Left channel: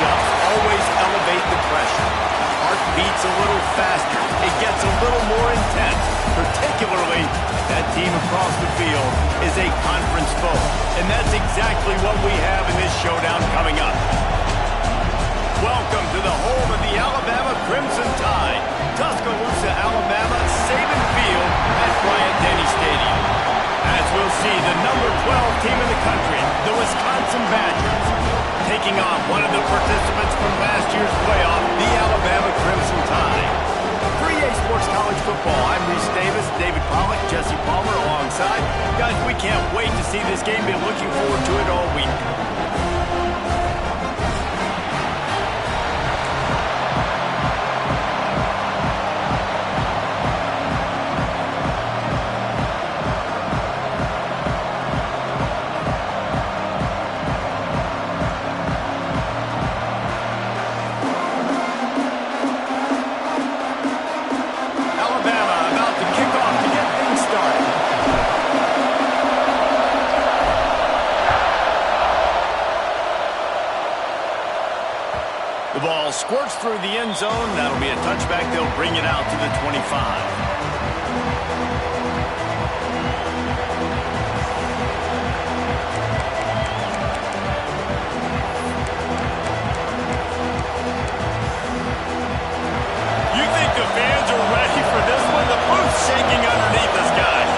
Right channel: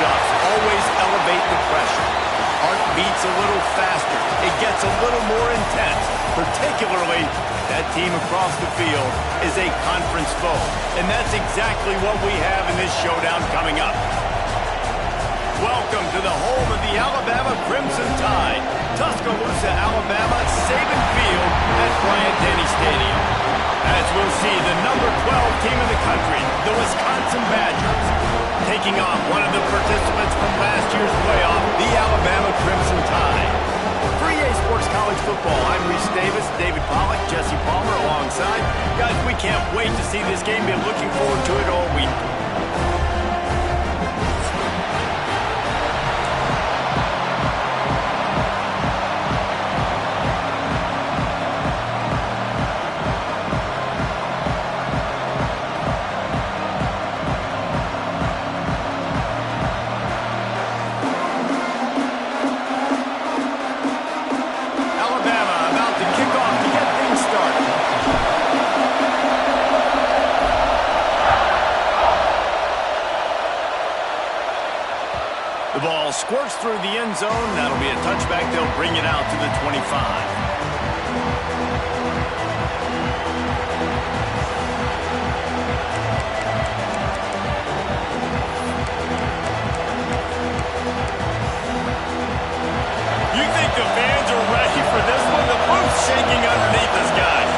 matchups always elevate the pressure. The heart beats a little faster. It gets a little more intense, particularly if that team across the field is a conference foe. And that's exactly what we have in this showdown coming up. Welcome to the home of the Alabama Crimson Tide. Tuscaloosa, Alabama, Saban Field at Bryant-Denny Stadium. As we'll see, the number 12 team in the country, the Wisconsin Badgers, taking on one of the participants from last year's playoff, the Alabama Crimson Tide. For EA Sports College Football, I'm Reese Davis, David Pollack, Jesse Palmer alongside. Guys, we can't wait to see this game. Been looking forward to it all week. The ball squirts through the end zone. That'll be a touchback. They'll bring it out to the 25. You think the fans are ready for this one? The booth's shaking underneath us, guys.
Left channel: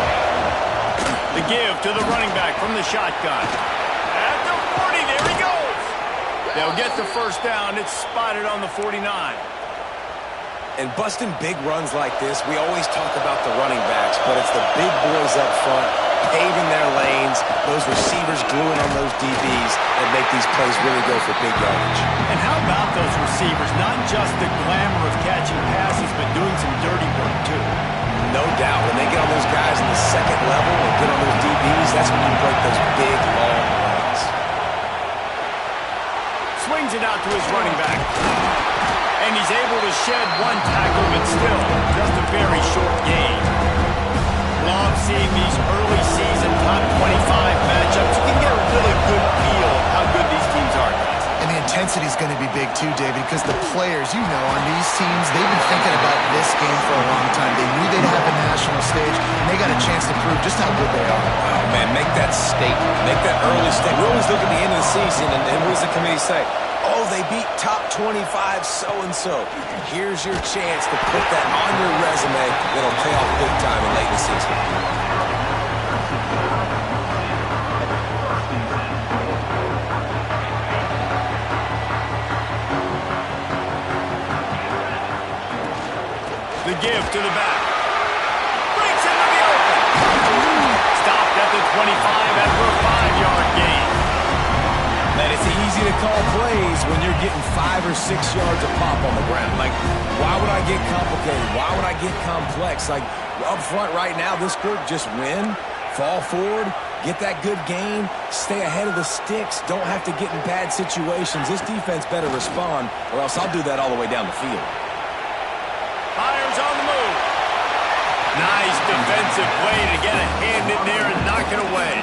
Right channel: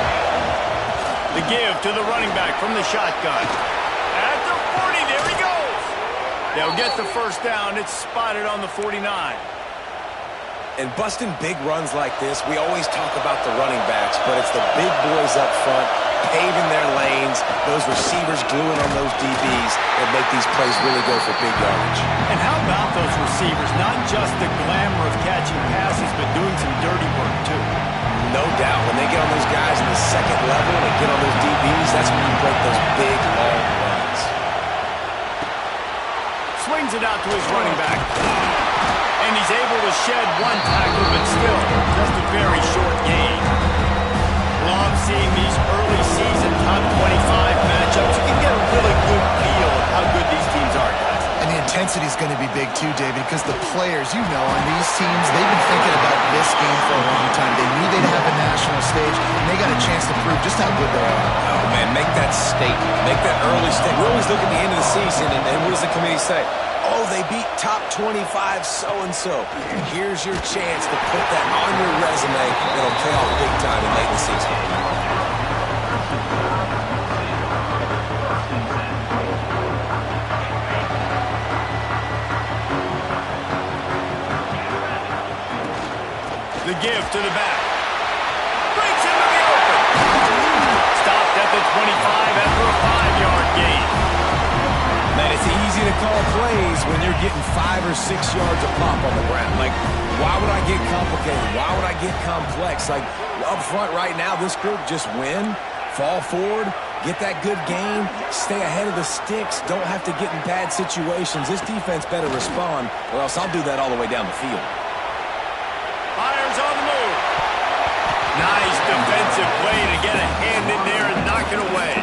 The give to the running back from the shotgun. At the 40, there he goes. They'll get the first down. It's spotted on the 49. And busting big runs like this, we always talk about the running backs, but it's the big boys up front, paving their lanes, those receivers gluing on those DBs that make these plays really go for big yardage. And how about those receivers? Not just the glamour of catching passes, but doing some dirty work, too. No doubt. When they get on those guys in the second level and get on those DBs, that's when you break those big, long runs. Swings it out to his running back. And he's able to shed one tackle, but still just a very short gain. Love seeing these early season top 25 matchups. You can get a really good feel of how good these teams are, guys. And the intensity is going to be big too, David, because the players, you know, on these teams, they've been thinking about this game for a long time. They knew they'd have a national stage, and they got a chance to prove just how good they are. Oh, man, make that statement. Make that early statement. We always look at the end of the season, and what does the committee say? Oh, they beat top 25 so-and-so. Here's your chance to put that on your resume that'll pay off big time in late in the season. The give to the back. Breaks into the open. Stopped at the 25 after a 5-yard gain. Man, it's easy to call plays when you're getting 5 or 6 yards of pop on the ground. Like, why would I get complicated? Why would I get complex? Like, up front right now, this group just win, fall forward, get that good gain, stay ahead of the sticks, don't have to get in bad situations. This defense better respond, or else I'll do that all the way down the field. Fires on the move. Nice defensive play to get a hand in there and knock it away.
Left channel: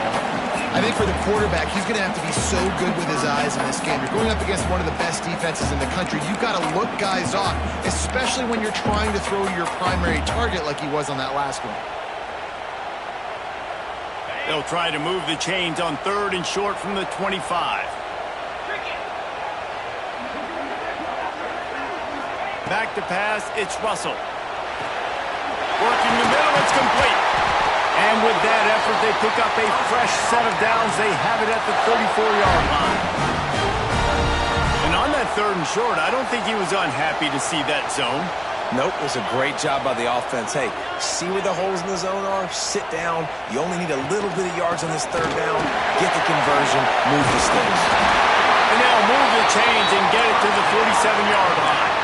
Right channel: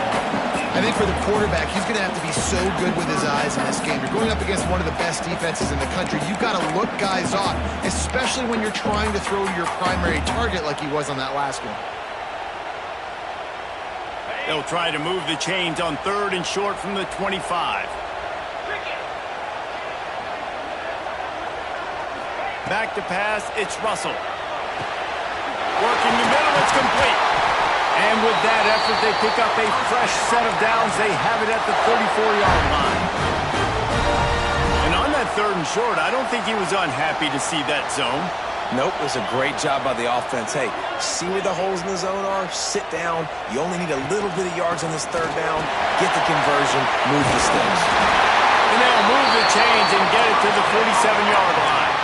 I think for the quarterback, he's going to have to be so good with his eyes in this game. You're going up against one of the best defenses in the country. You've got to look guys off, especially when you're trying to throw your primary target like he was on that last one. They'll try to move the chains on 3rd and short from the 25. Back to pass, it's Russell. Working the middle, it's complete. And with that effort, they pick up a fresh set of downs. They have it at the 34-yard line. And on that 3rd and short, I don't think he was unhappy to see that zone. Nope, it was a great job by the offense. Hey, see where the holes in the zone are? Sit down. You only need a little bit of yards on this 3rd down. Get the conversion, move the sticks. And they'll move the chains and get it to the 47-yard line.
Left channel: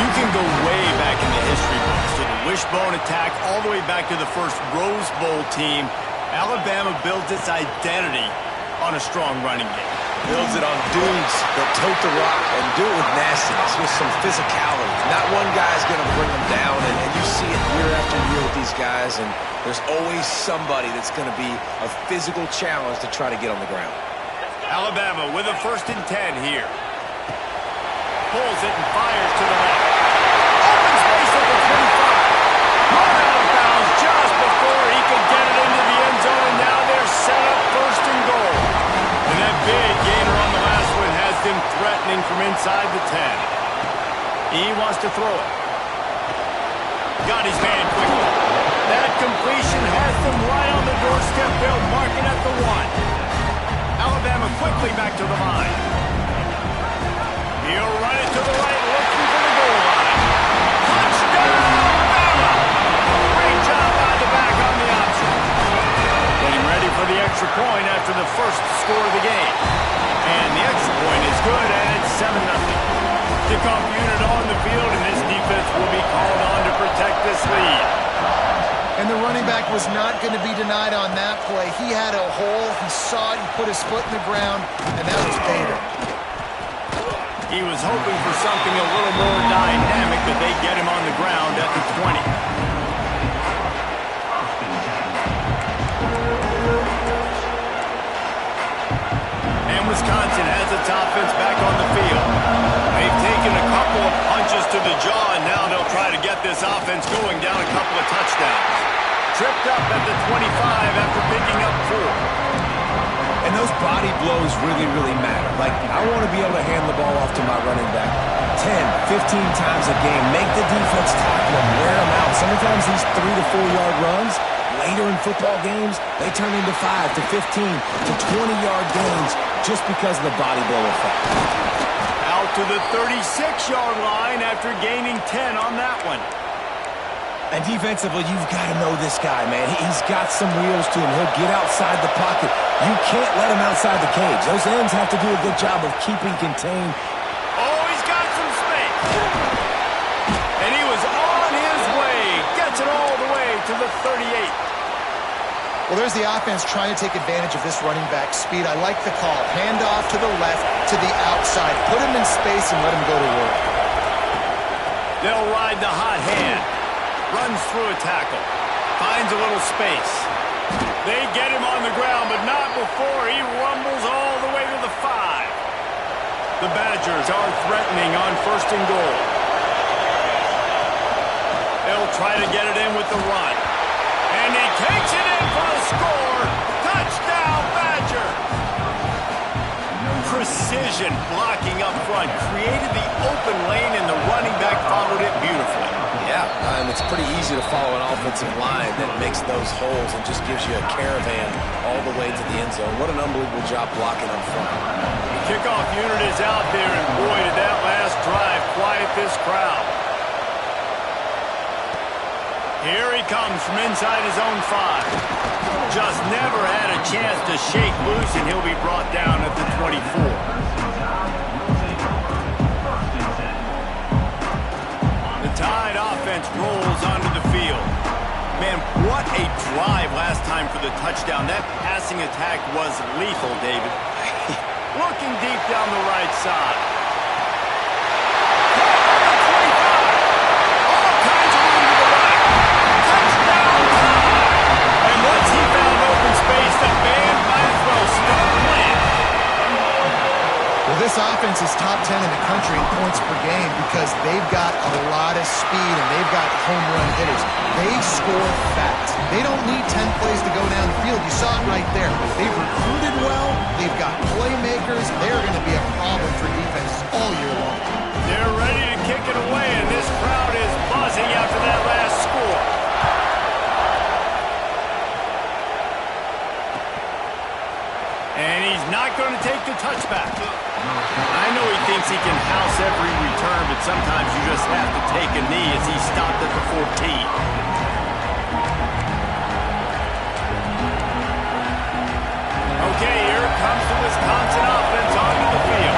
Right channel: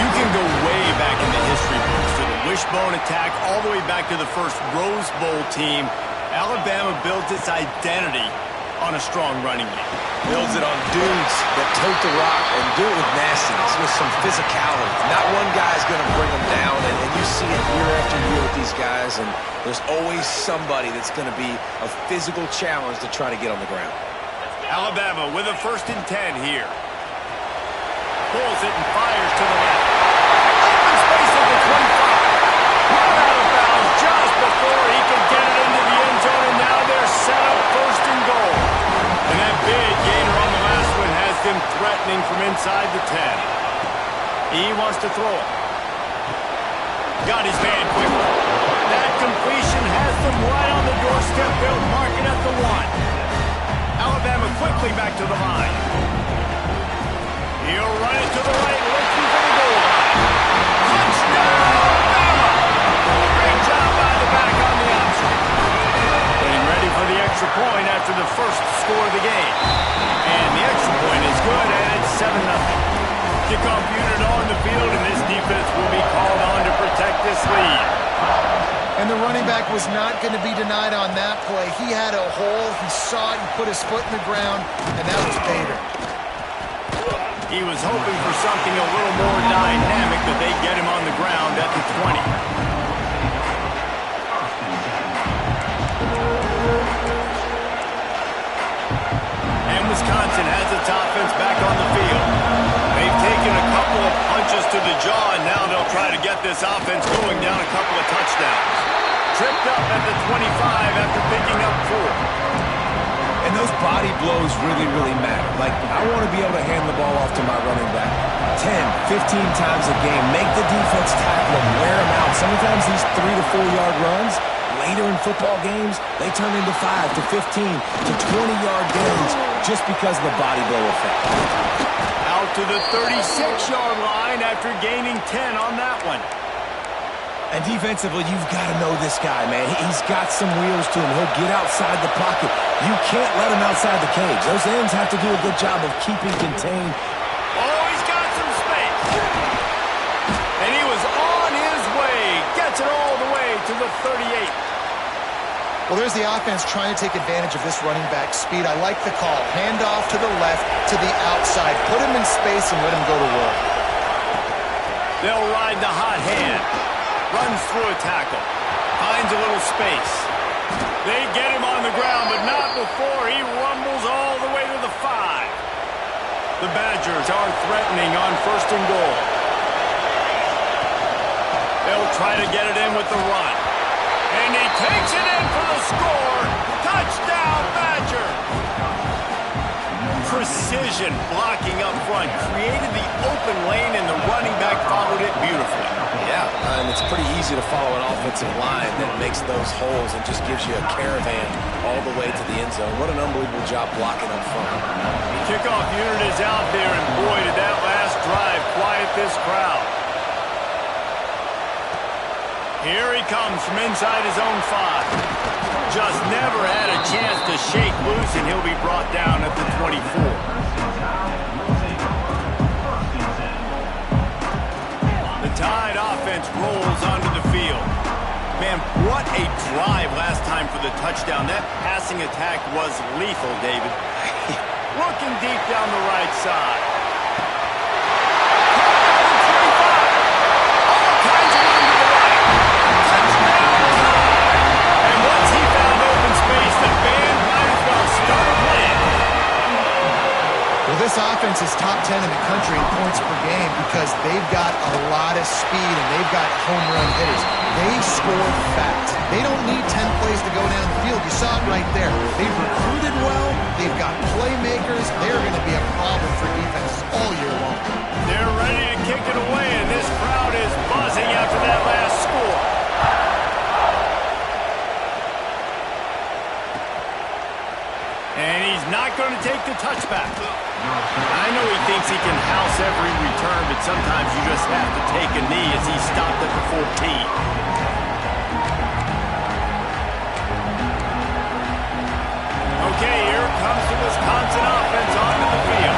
You can go way back in the history books to the wishbone attack all the way back to the first Rose Bowl team. Alabama builds its identity on a strong running game. Builds it on dudes that tote the rock and do it with nastiness, with some physicality. Not one guy's going to bring them down, and you see it year after year with these guys, and there's always somebody that's going to be a physical challenge to try to get on the ground. Alabama with a 1st and 10 here. Pulls it and fires to the left. Open space at the 25. Run out of bounds just before he could get it into the end zone, and now they're set up first and goal. And that big gainer on the last one has them threatening from inside the 10. He wants to throw it. Got his man quickly. That completion has them right on the doorstep. They'll mark it at the 1. Alabama quickly back to the line. He'll run it to the right, looking for the goal line. Touchdown, Bama! Great job by the back on the option. Getting ready for the extra point after the first score of the game. And the extra point is good, and it's 7-0. Kickoff unit on the field, and this defense will be called on to protect this lead. And the running back was not going to be denied on that play. He had a hole. He saw it. He put his foot in the ground, and that was Bader. He was hoping for something a little more dynamic, but they get him on the ground at the 20. And Wisconsin has its offense back on the field. They've taken a couple of punches to the jaw, and now they'll try to get this offense going down a couple of touchdowns. Tripped up at the 25 after picking up 4. And those body blows really, really matter. Like, I want to be able to hand the ball off to my running back 10, 15 times a game. Make the defense tackle them, wear them out. Sometimes these 3 to 4 yard runs, later in football games, they turn into 5 to 15 to 20 yard gains just because of the body blow effect. Out to the 36-yard line after gaining 10 on that one. And defensively, you've got to know this guy, man. He's got some wheels to him. He'll get outside the pocket. You can't let him outside the cage. Those ends have to do a good job of keeping contained. Oh, he's got some space. And he was on his way. Gets it all the way to the 38. Well, there's the offense trying to take advantage of this running back speed. I like the call. Hand off to the left, to the outside. Put him in space and let him go to work. They'll ride the hot hand. Runs through a tackle. Finds a little space. They get him on the ground, but not before he rumbles all the way to the 5. The Badgers are threatening on first and goal. They'll try to get it in with the run. And he takes it in for the score. Touchdown, Badger. Precision blocking up front. Created the open lane, and the running back followed it beautifully. Yeah, and it's pretty easy to follow an offensive line that makes those holes and just gives you a caravan all the way to the end zone. What an unbelievable job blocking up front. The kickoff unit is out there, and boy, did that last drive quiet this crowd. Here he comes from inside his own 5. Just never had a chance to shake loose, and he'll be brought down at the 24. The Tide offense rolls onto the field. Man, what a drive last time for the touchdown. That passing attack was lethal, David. Looking deep down the right side. Caught by the 25. All kinds of room to the right. Touchdown Tide. And once he found open space, the band might as well start playing. Well, this offense is top 10 in the country in points per game because they've got a lot of speed and they've got home run hitters. They score fast. They don't need 10 plays to go down the field. You saw it right there. They've recruited well. They've got playmakers. They're going to be a problem for defenses all year long. They're ready to kick it away, and this crowd is buzzing after that last score. And he's not going to take the touchback. I know he thinks he can house every return, but sometimes you just have to take a knee as he stopped at the 14. Okay, here comes the Wisconsin offense onto the field.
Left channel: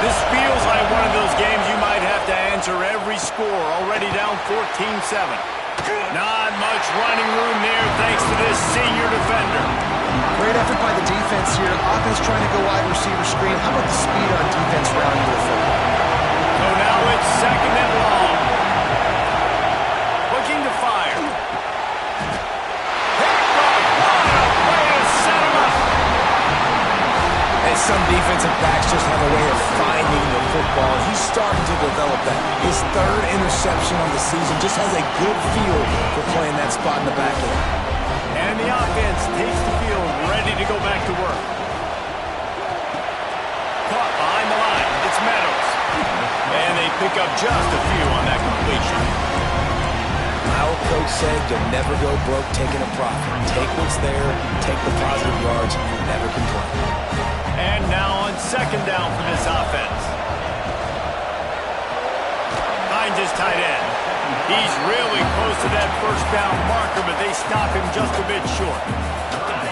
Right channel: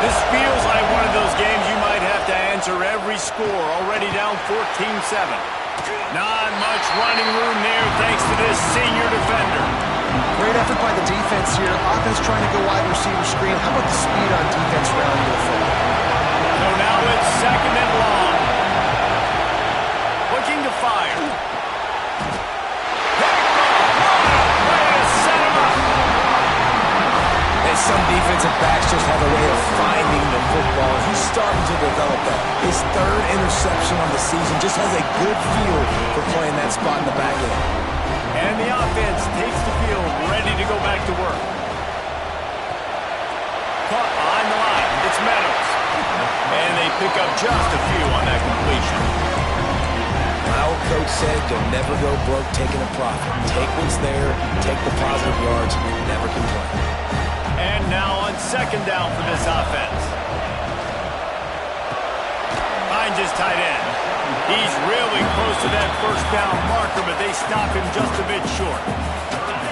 This feels like one of those games you might have to answer every score, already down 14-7. Not much running room there thanks to this senior defender. Great effort by the defense here. Offense trying to go wide receiver screen. How about the speed on defense rounding to the football? So now it's second and long. Looking to fire. Picked off. What a way to set him up. And some defensive backs just have a way of finding the football, and he's starting to develop that. His third interception on the season just has a good feel for playing that spot in the back end. And the offense takes the field, ready to go back to work. Caught behind the line. It's Meadows. And they pick up just a few on that completion. My old coach said you'll never go broke taking a profit. Take what's there, take the positive yards, and never complain. And now on second down for this offense. Finds his tight end. He's really close to that first down marker, but they stop him just a bit short.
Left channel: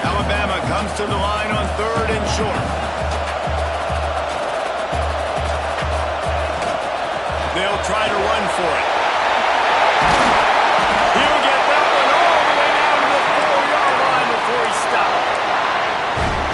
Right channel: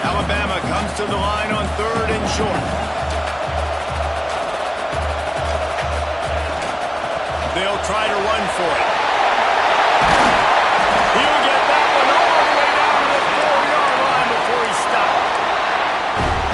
Alabama comes to the line on third and short. They'll try to run for it. He'll get that one all the way down to the 4-yard line before he stopped.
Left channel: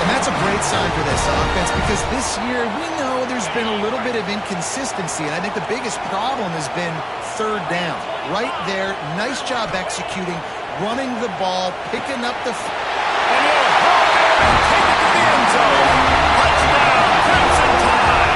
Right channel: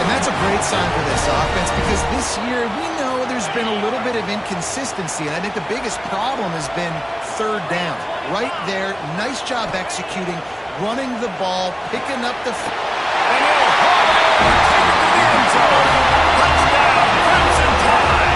And that's a great sign for this offense because this year we know there's been a little bit of inconsistency, and I think the biggest problem has been third down. Right there, nice job executing, running the ball, picking up the... And he'll haul it over and take it to the end zone. Touchdown, Crimson Tide.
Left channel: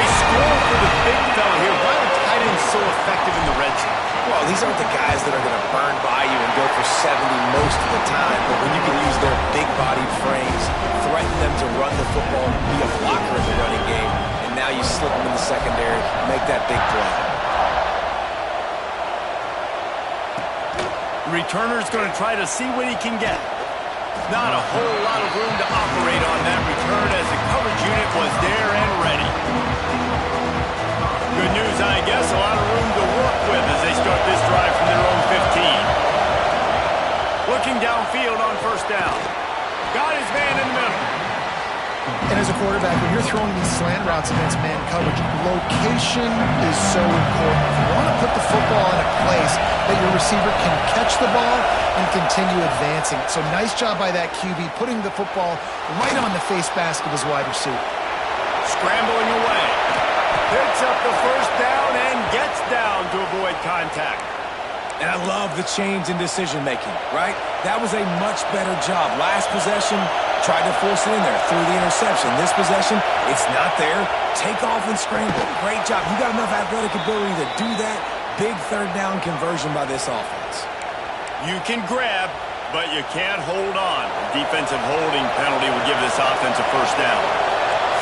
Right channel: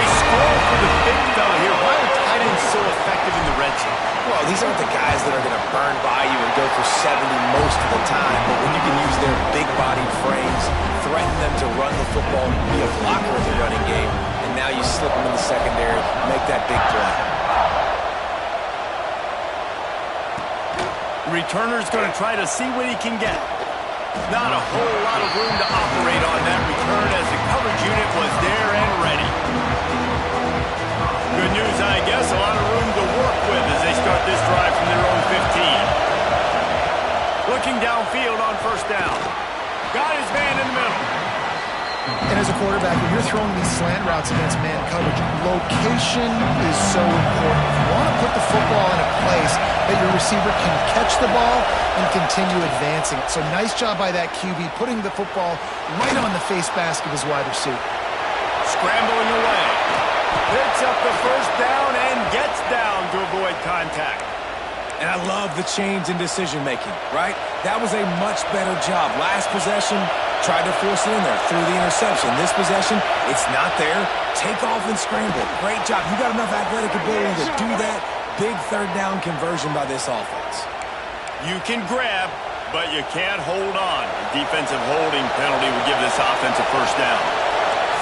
They score for the big fella here. Why are tight ends so effective in the red zone? Well, these aren't the guys that are going to burn by you and go for 70 most of the time, but when you can use their big-bodied frames, threaten them to run the football, be a blocker in the running game, and now you slip them in the secondary, make that big play. The returner's going to try to see what he can get. Not a whole lot of room to operate on that return as the coverage unit was there and ready. Good news, I guess, a lot of room to work with as they start this drive from their own 15. Looking downfield on first down. Got his man in the middle. And as a quarterback, when you're throwing these slant routes against man coverage, location is so important. You want to put the football in a place that your receiver can catch the ball and continue advancing it. So nice job by that QB, putting the football right on the face mask of his wide receiver. Scrambling away. Picks up the first down and gets down to avoid contact. And I love the change in decision-making, right? That was a much better job. Last possession, tried to force it in there through the interception. This possession, it's not there. Take off and scramble. Great job. You got enough athletic ability to do that. Big third down conversion by this offense. You can grab, but you can't hold on. A defensive holding penalty would give this offense a first down.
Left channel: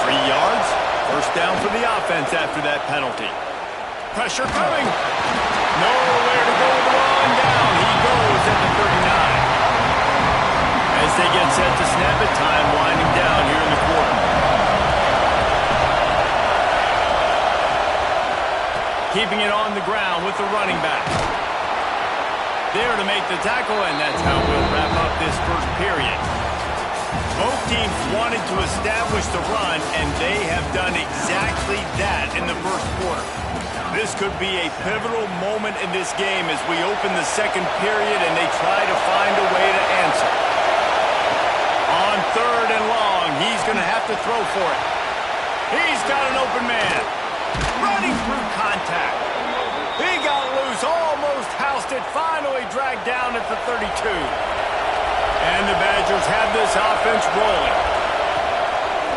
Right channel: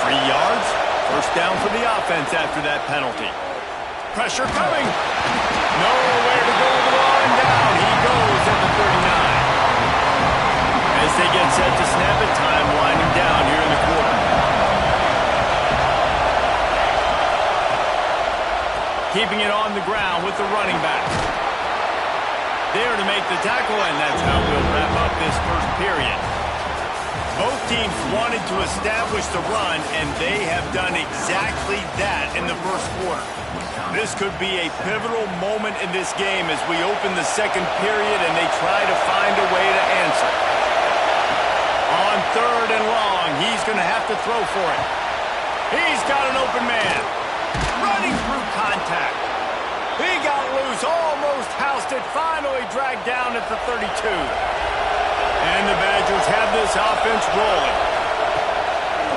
3 yards, first down for the offense after that penalty. Pressure coming. Nowhere to go with the ball and down. He goes at the 39. As they get set to snap it, time winding down here in the quarter. Keeping it on the ground with the running back. There to make the tackle, and that's how we'll wrap up this first period. Both teams wanted to establish the run, and they have done exactly that in the first quarter. This could be a pivotal moment in this game as we open the second period and they try to find a way to answer. On third and long, he's going to have to throw for it. He's got an open man. Running through contact. He got loose, almost housed it, finally dragged down at the 32. And the Badgers have this offense rolling.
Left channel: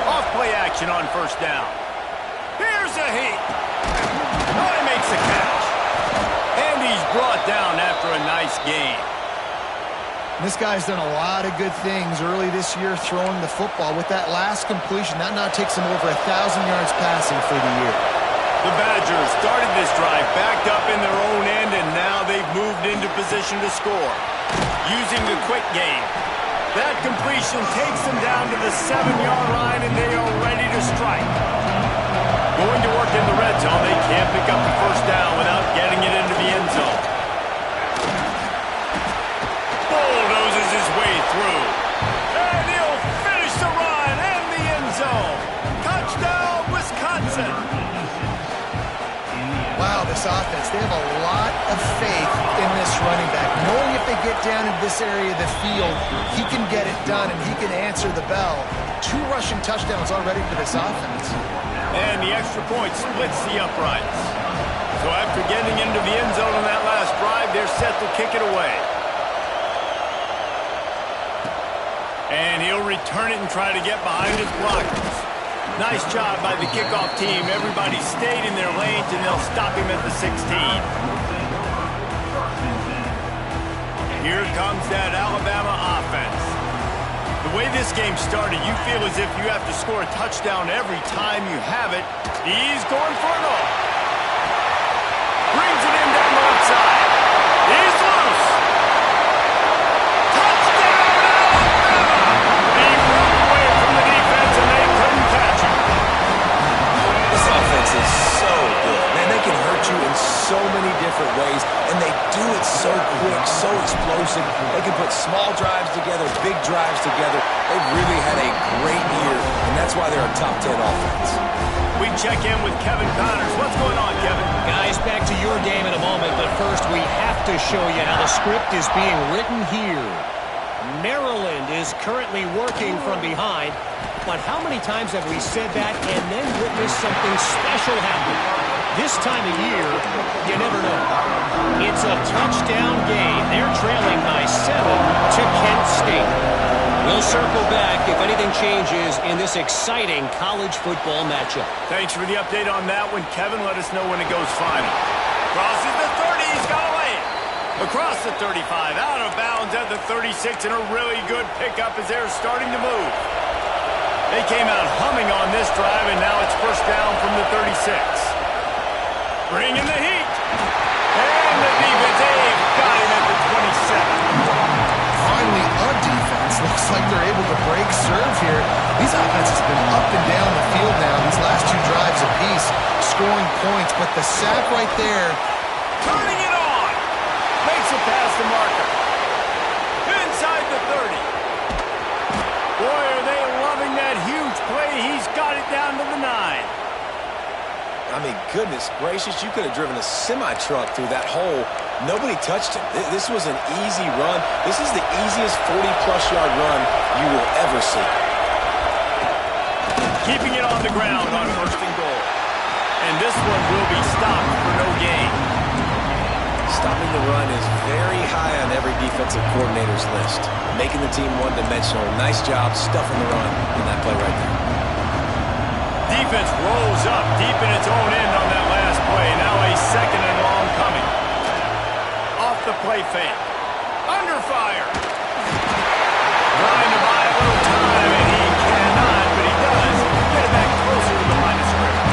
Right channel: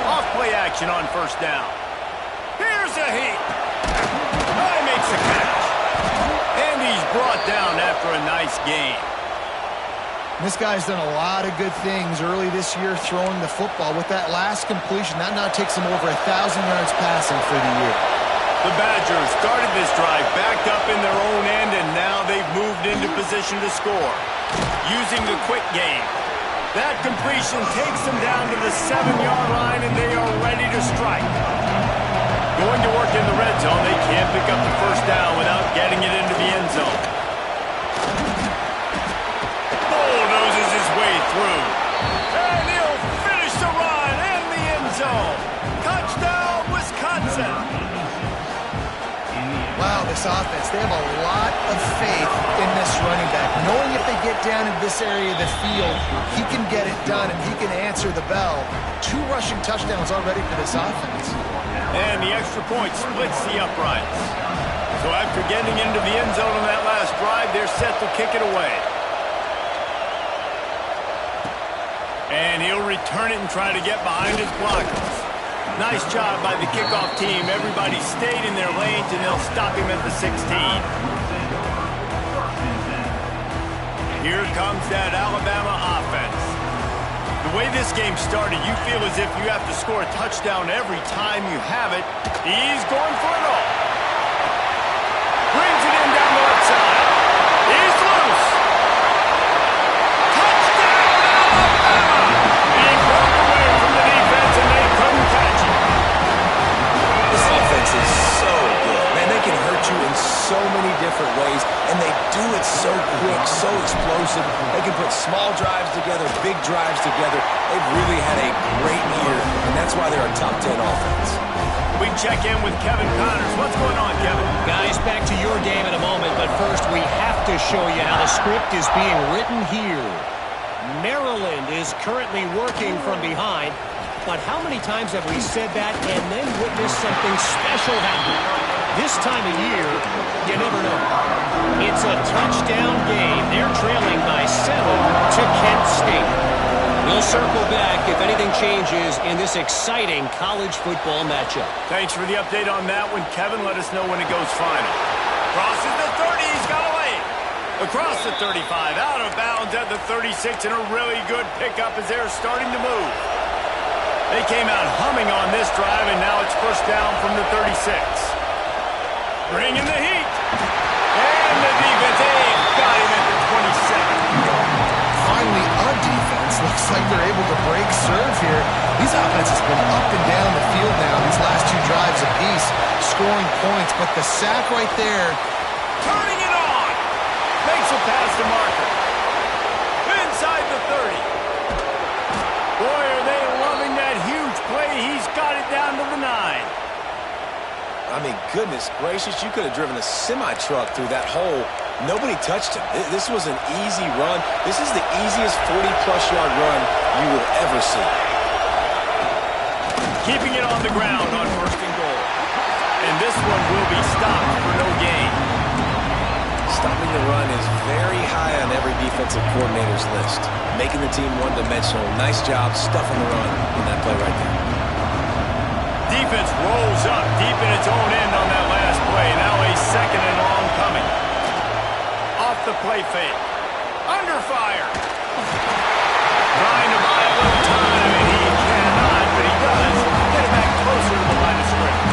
Off play action on first down. Here's a heat. Oh, he makes the catch. And he's brought down after a nice gain. This guy's done a lot of good things early this year throwing the football. With that last completion, that now takes him over 1,000 yards passing for the year. The Badgers started this drive backed up in their own end, and now they've moved into position to score. Using the quick game. That completion takes them down to the 7-yard line, and they are ready to strike. Going to work in the red zone, they can't pick up the first down without getting it into the end zone. Bulldozes his way through. And he'll finish the run in the end zone. Touchdown, Wisconsin. Wow, this offense, they have a lot of faith in this running back. Knowing if they get down in this area of the field, he can get it done and he can answer the bell. 2 rushing touchdowns already for this offense. And the extra point splits the uprights. So after getting into the end zone on that last drive, they're set to kick it away. And he'll return it and try to get behind his blockers. Nice job by the kickoff team. Everybody stayed in their lanes, and they'll stop him at the 16. Here comes that Alabama offense. The way this game started, you feel as if you have to score a touchdown every time you have it. He's going for it all. Brings it in down the left side. He's loose. Touchdown, Alabama! He broke away from the defense, and they couldn't catch him. This offense is so good. Man, they can hurt you in so many different ways, and they do it so quick, so explosive. They can put small drives together, big drives together. They've really had a great year, and that's why they're a top 10 offense. We check in with Kevin Connors. What's going on, Kevin? Guys, back to your game in a moment, but first we have to show you how the script is being written here. Maryland is currently working from behind, but how many times have we said that and then witnessed something special happen? This time of year, you never know. It's a touchdown game. They're trailing by 7 to Kent State. We'll circle back if anything changes in this exciting college football matchup. Thanks for the update on that one, Kevin. Let us know when it goes final. Crosses the 30. He's got away. Across the 35. Out of bounds at the 36. And a really good pickup as they're starting to move. They came out humming on this drive, and now it's first down from the 36. Bringing the heat. And the defense, they've got him at the 27. Finally, a defense. Looks like they're able to break serve here. These offenses have been up and down the field now, these last 2 drives apiece, scoring points. But the sack right there. Turning it on. Makes it past the marker. Inside the 30. Boy, are they loving that huge play. He's got it down to the 9. I mean, goodness gracious, you could have driven a semi-truck through that hole. Nobody touched him. This was an easy run. This is the easiest 40-plus yard run you will ever see. Keeping it on the ground on first and goal. And this one will be stopped for no gain. Stopping the run is very high on every defensive coordinator's list. Making the team one-dimensional. Nice job stuffing the run in that play right there. Defense rolls up deep in its own end on that last play. Now a second and long coming. Off the play fake. Under fire. Trying to buy a little time, and he cannot, but he does get it back closer to the line of scrimmage.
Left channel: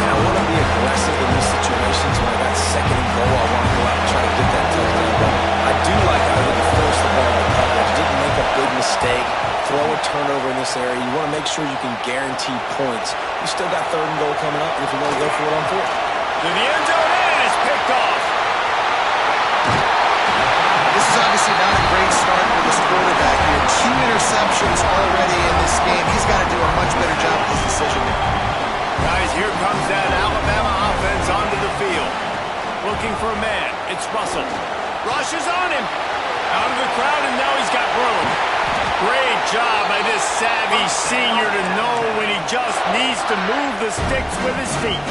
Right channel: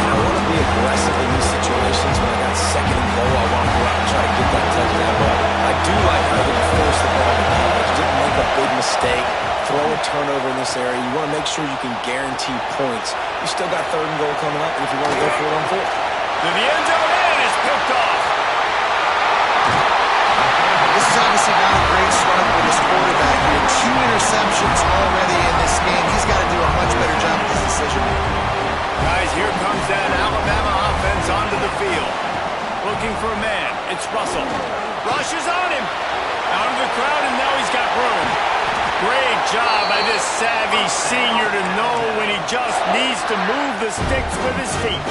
And I want to be aggressive in these situations. When I got second and goal, I want to go out and try to get that touchdown ball. I do like how he didn't force the ball into coverage, didn't make a big mistake, throw a turnover in this area. You want to make sure you can guarantee points. You still got third and goal coming up, and if you want to go for it on 4th. To the end zone, and it's picked off. This is obviously not a great start for this quarterback here. 2 interceptions already in this game. He's got to do a much better job with his decision-making. Guys, here comes that Alabama offense onto the field. Looking for a man. It's Russell. Rushes on him. Out of the crowd, and now he's got room. Great job by this savvy senior to know when he just needs to move the sticks with his feet.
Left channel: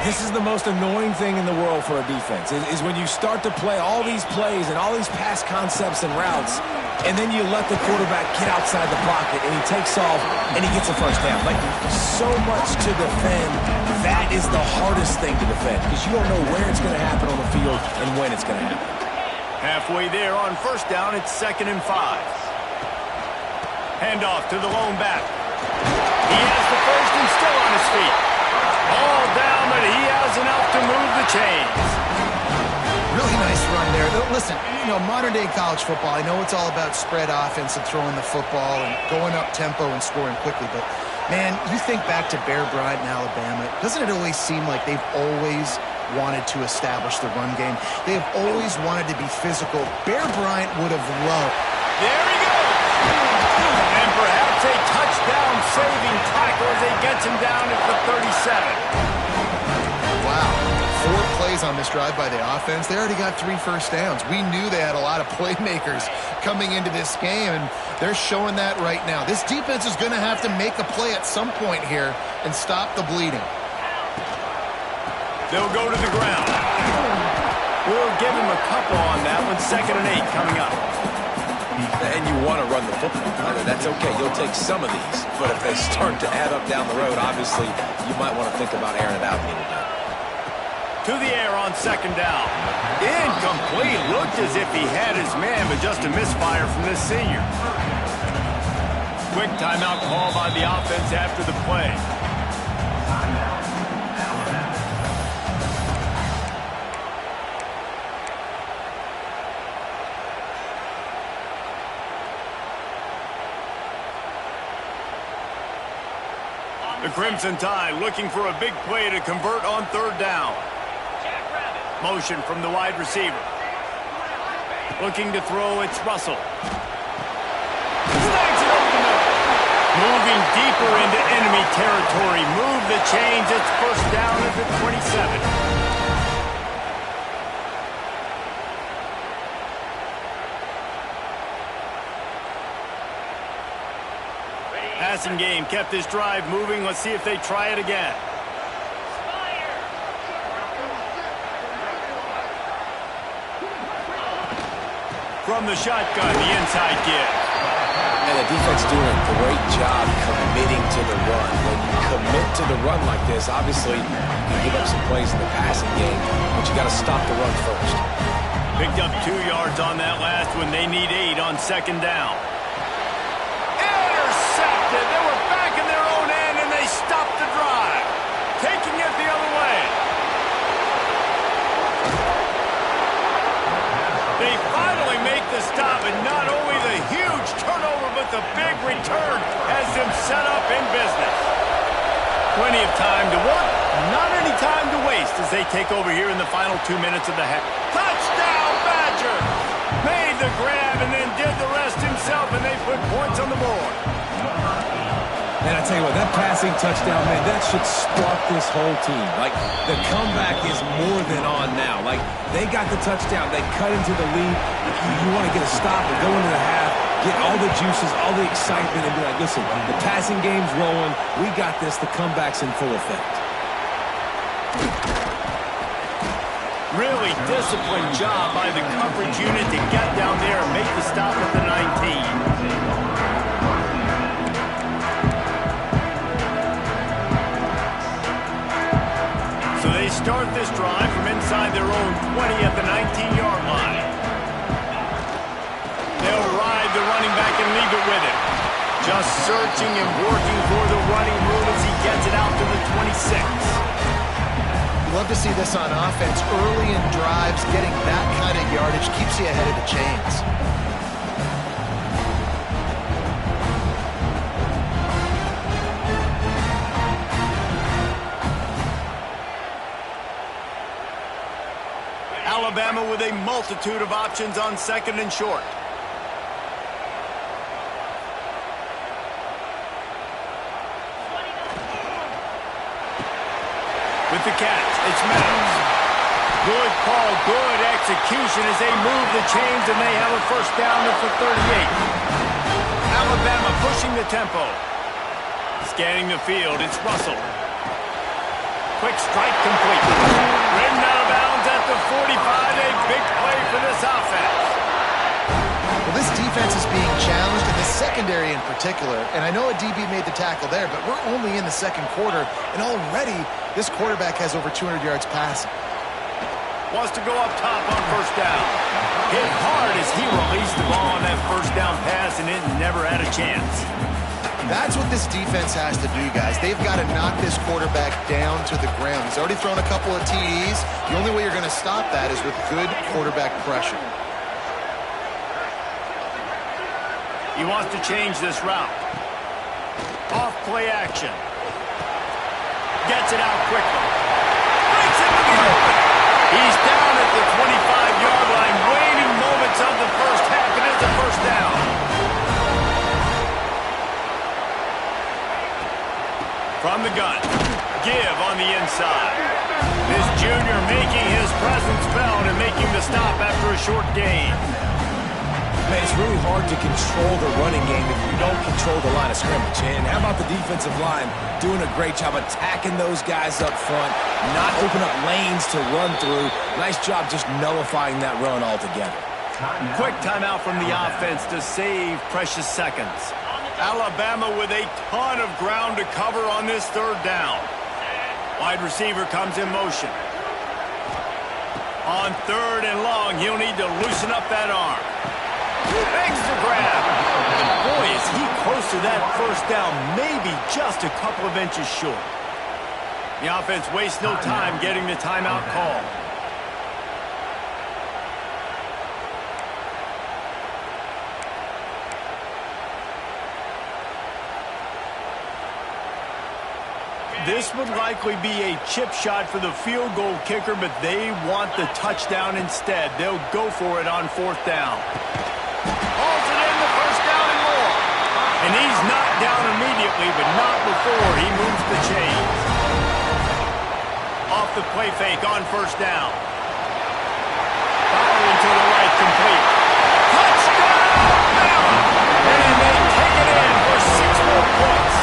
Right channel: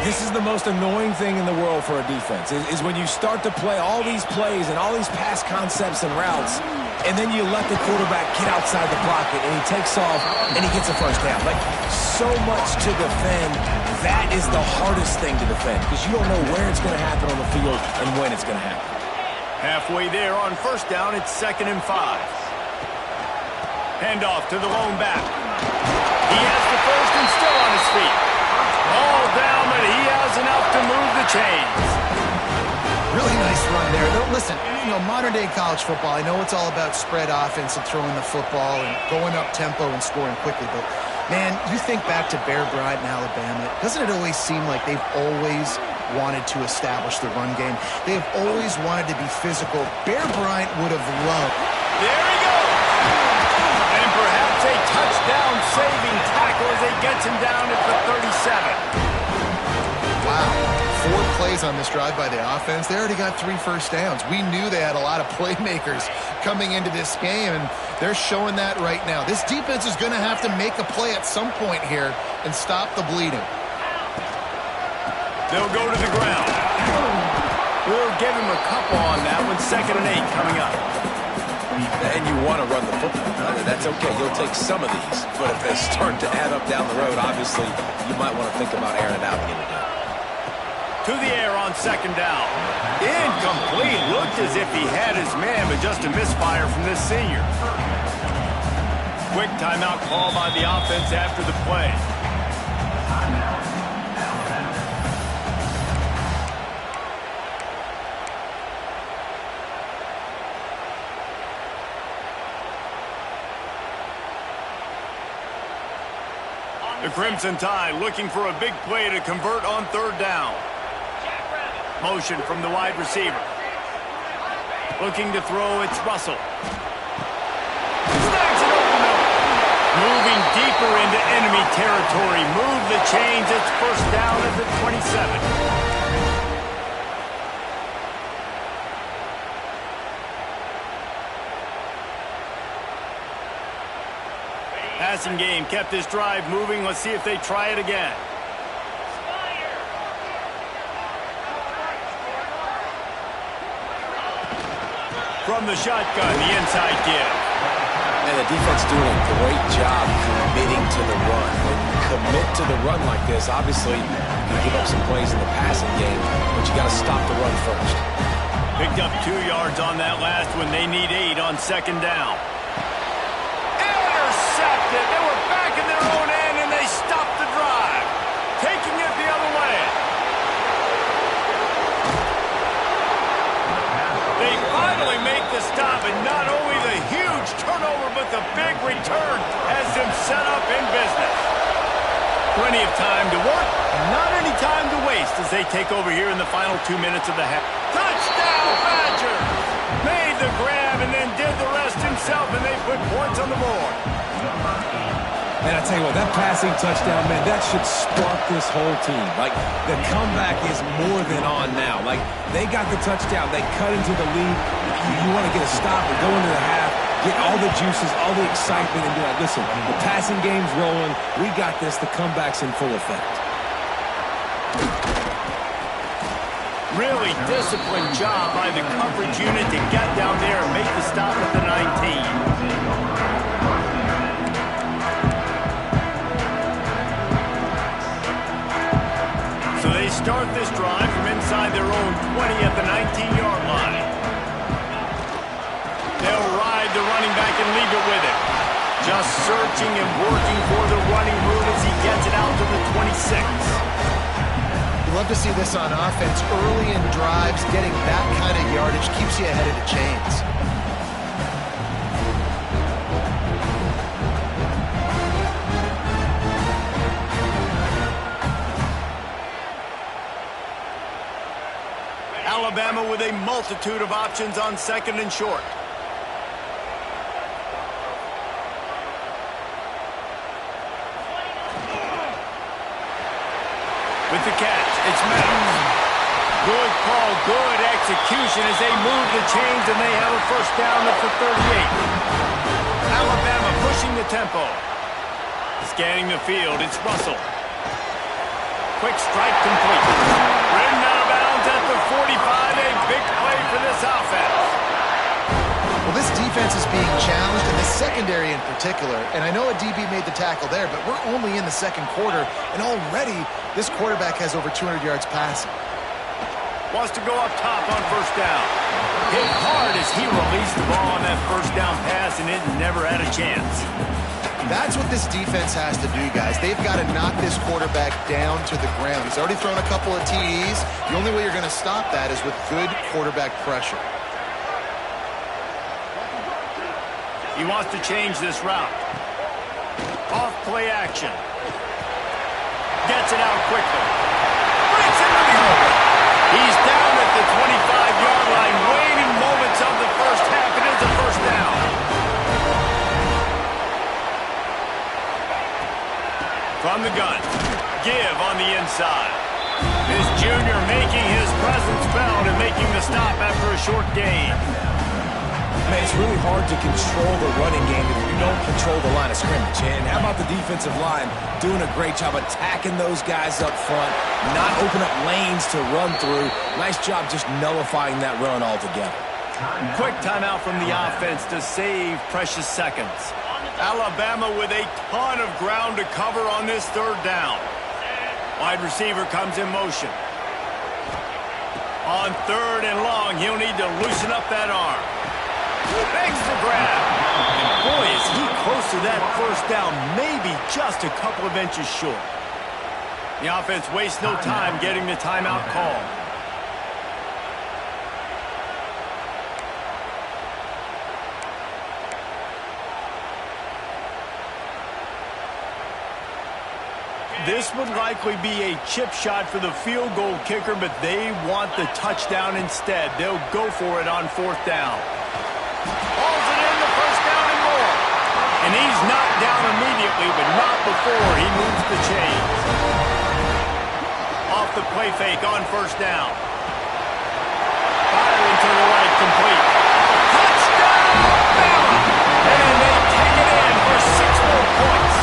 This is the most annoying thing in the world for a defense, is when you start to play all these plays and all these pass concepts and routes, and then you let the quarterback get outside the pocket, and he takes off, and he gets a first down. Like, so much to defend. That is the hardest thing to defend, because you don't know where it's going to happen on the field and when it's going to happen. Halfway there on first down, it's 2nd and 5. Handoff to the lone back. He has the first and still on his feet. All down, but he has enough to move the chains. Really nice run there. Listen, modern-day college football, I know it's all about spread offense and throwing the football and going up tempo and scoring quickly, but, man, you think back to Bear Bryant in Alabama, doesn't it always seem like they've always wanted to establish the run game? They've always wanted to be physical. Bear Bryant would have loved. There he goes. And perhaps a touchdown-saving tackle as he gets him down at the 37. Wow. 4 plays on this drive by the offense. They already got 3 first downs. We knew they had a lot of playmakers coming into this game, and they're showing that right now. This defense is going to have to make a play at some point here and stop the bleeding. They'll go to the ground. We'll give him a couple on that one. 2nd and 8 coming up. And you want to run the football. That's okay. You'll take some of these. But if they start to add up down the road, obviously, you might want to think about airing it out a little bit. To the air on second down. Incomplete. Looked as if he had his man, but just a misfire from this senior. Quick timeout call by the offense after the play. The Crimson Tide looking for a big play to convert on third down. Motion from the wide receiver. Looking to throw, it's Russell. Snags it over the middle. Moving deeper into enemy territory. Move the chains. It's first down at the 27. Passing game kept this drive moving. Let's see if they try it again. From the shotgun, the inside give. And the defense doing a great job committing to the run. When you commit to the run like this, obviously you can give up some plays in the passing game, but you got to stop the run first. Picked up 2 yards on that last one. They need 8 on second down. Intercepted. They were back in their own end, and they stopped the drive. Taking it the other way. They finally make the stop, and not only the huge turnover, but the big return has them set up in business. Plenty of time to work, not any time to waste as they take over here in the final 2 minutes of the half. Touchdown, Badgers! Made the grab and then did the rest himself, and they put points on the board. And I tell you what, that passing touchdown, man, that should spark this whole team. Like, the comeback is more than on now. Like, they got the touchdown. They cut into the lead. You want to get a stop and go into the half, get all the juices, all the excitement, and be like, listen, the passing game's rolling. We got this. The comeback's in full effect. Really disciplined job by the coverage unit to get down there and make the stop at the 19. So they start this drive from inside their own 20 at the 19-yard line. They'll ride the running back and leave it with him. Just searching and working for the running room as he gets it out to the 26. You love to see this on offense. Early in drives, getting that kind of yardage keeps you ahead of the chains. Alabama with a multitude of options on second and short. With the catch, it's Meadows. Good call, good execution as they move the chains and they have a first down at the 38. Alabama pushing the tempo. Scanning the field, it's Russell. Quick strike complete. Ridden out of bounds at the 45. A big play for this offense. Well, this defense is being challenged, and the secondary in particular. And I know a DB made the tackle there, but we're only in the second quarter, and already this quarterback has over 200 yards passing. Wants to go up top on first down. Hit hard as he released the ball on that first down pass, and it never had a chance. That's what this defense has to do, guys. They've got to knock this quarterback down to the ground. He's already thrown a couple of TDs. The only way you're going to stop that is with good quarterback pressure. He wants to change this route. Off play action. Gets it out quickly. Breaks into the open. He's down at the 25-yard line. Waning moments of the first half. It is a first down. From the gun. Give on the inside. This junior making his presence felt and making the stop after a short gain. Man, it's really hard to control the running game if you don't control the line of scrimmage. And how about the defensive line doing a great job attacking those guys up front, not open up lanes to run through. Nice job just nullifying that run altogether. Quick timeout from the offense to save precious seconds. Alabama with a ton of ground to cover on this third down. Wide receiver comes in motion. On third and long, he'll need to loosen up that arm. Begs to grab. And boy, is he close to that first down, maybe just a couple of inches short. The offense wastes no time getting the timeout call. This would likely be a chip shot for the field goal kicker, but they want the touchdown instead. They'll go for it on fourth down. Hauls it in, the first down and more. And he's knocked down immediately, but not before he moves the chains. Off the play fake on first down. Firing to the right, complete. Touchdown, Bama! And they take it in for 6 more points.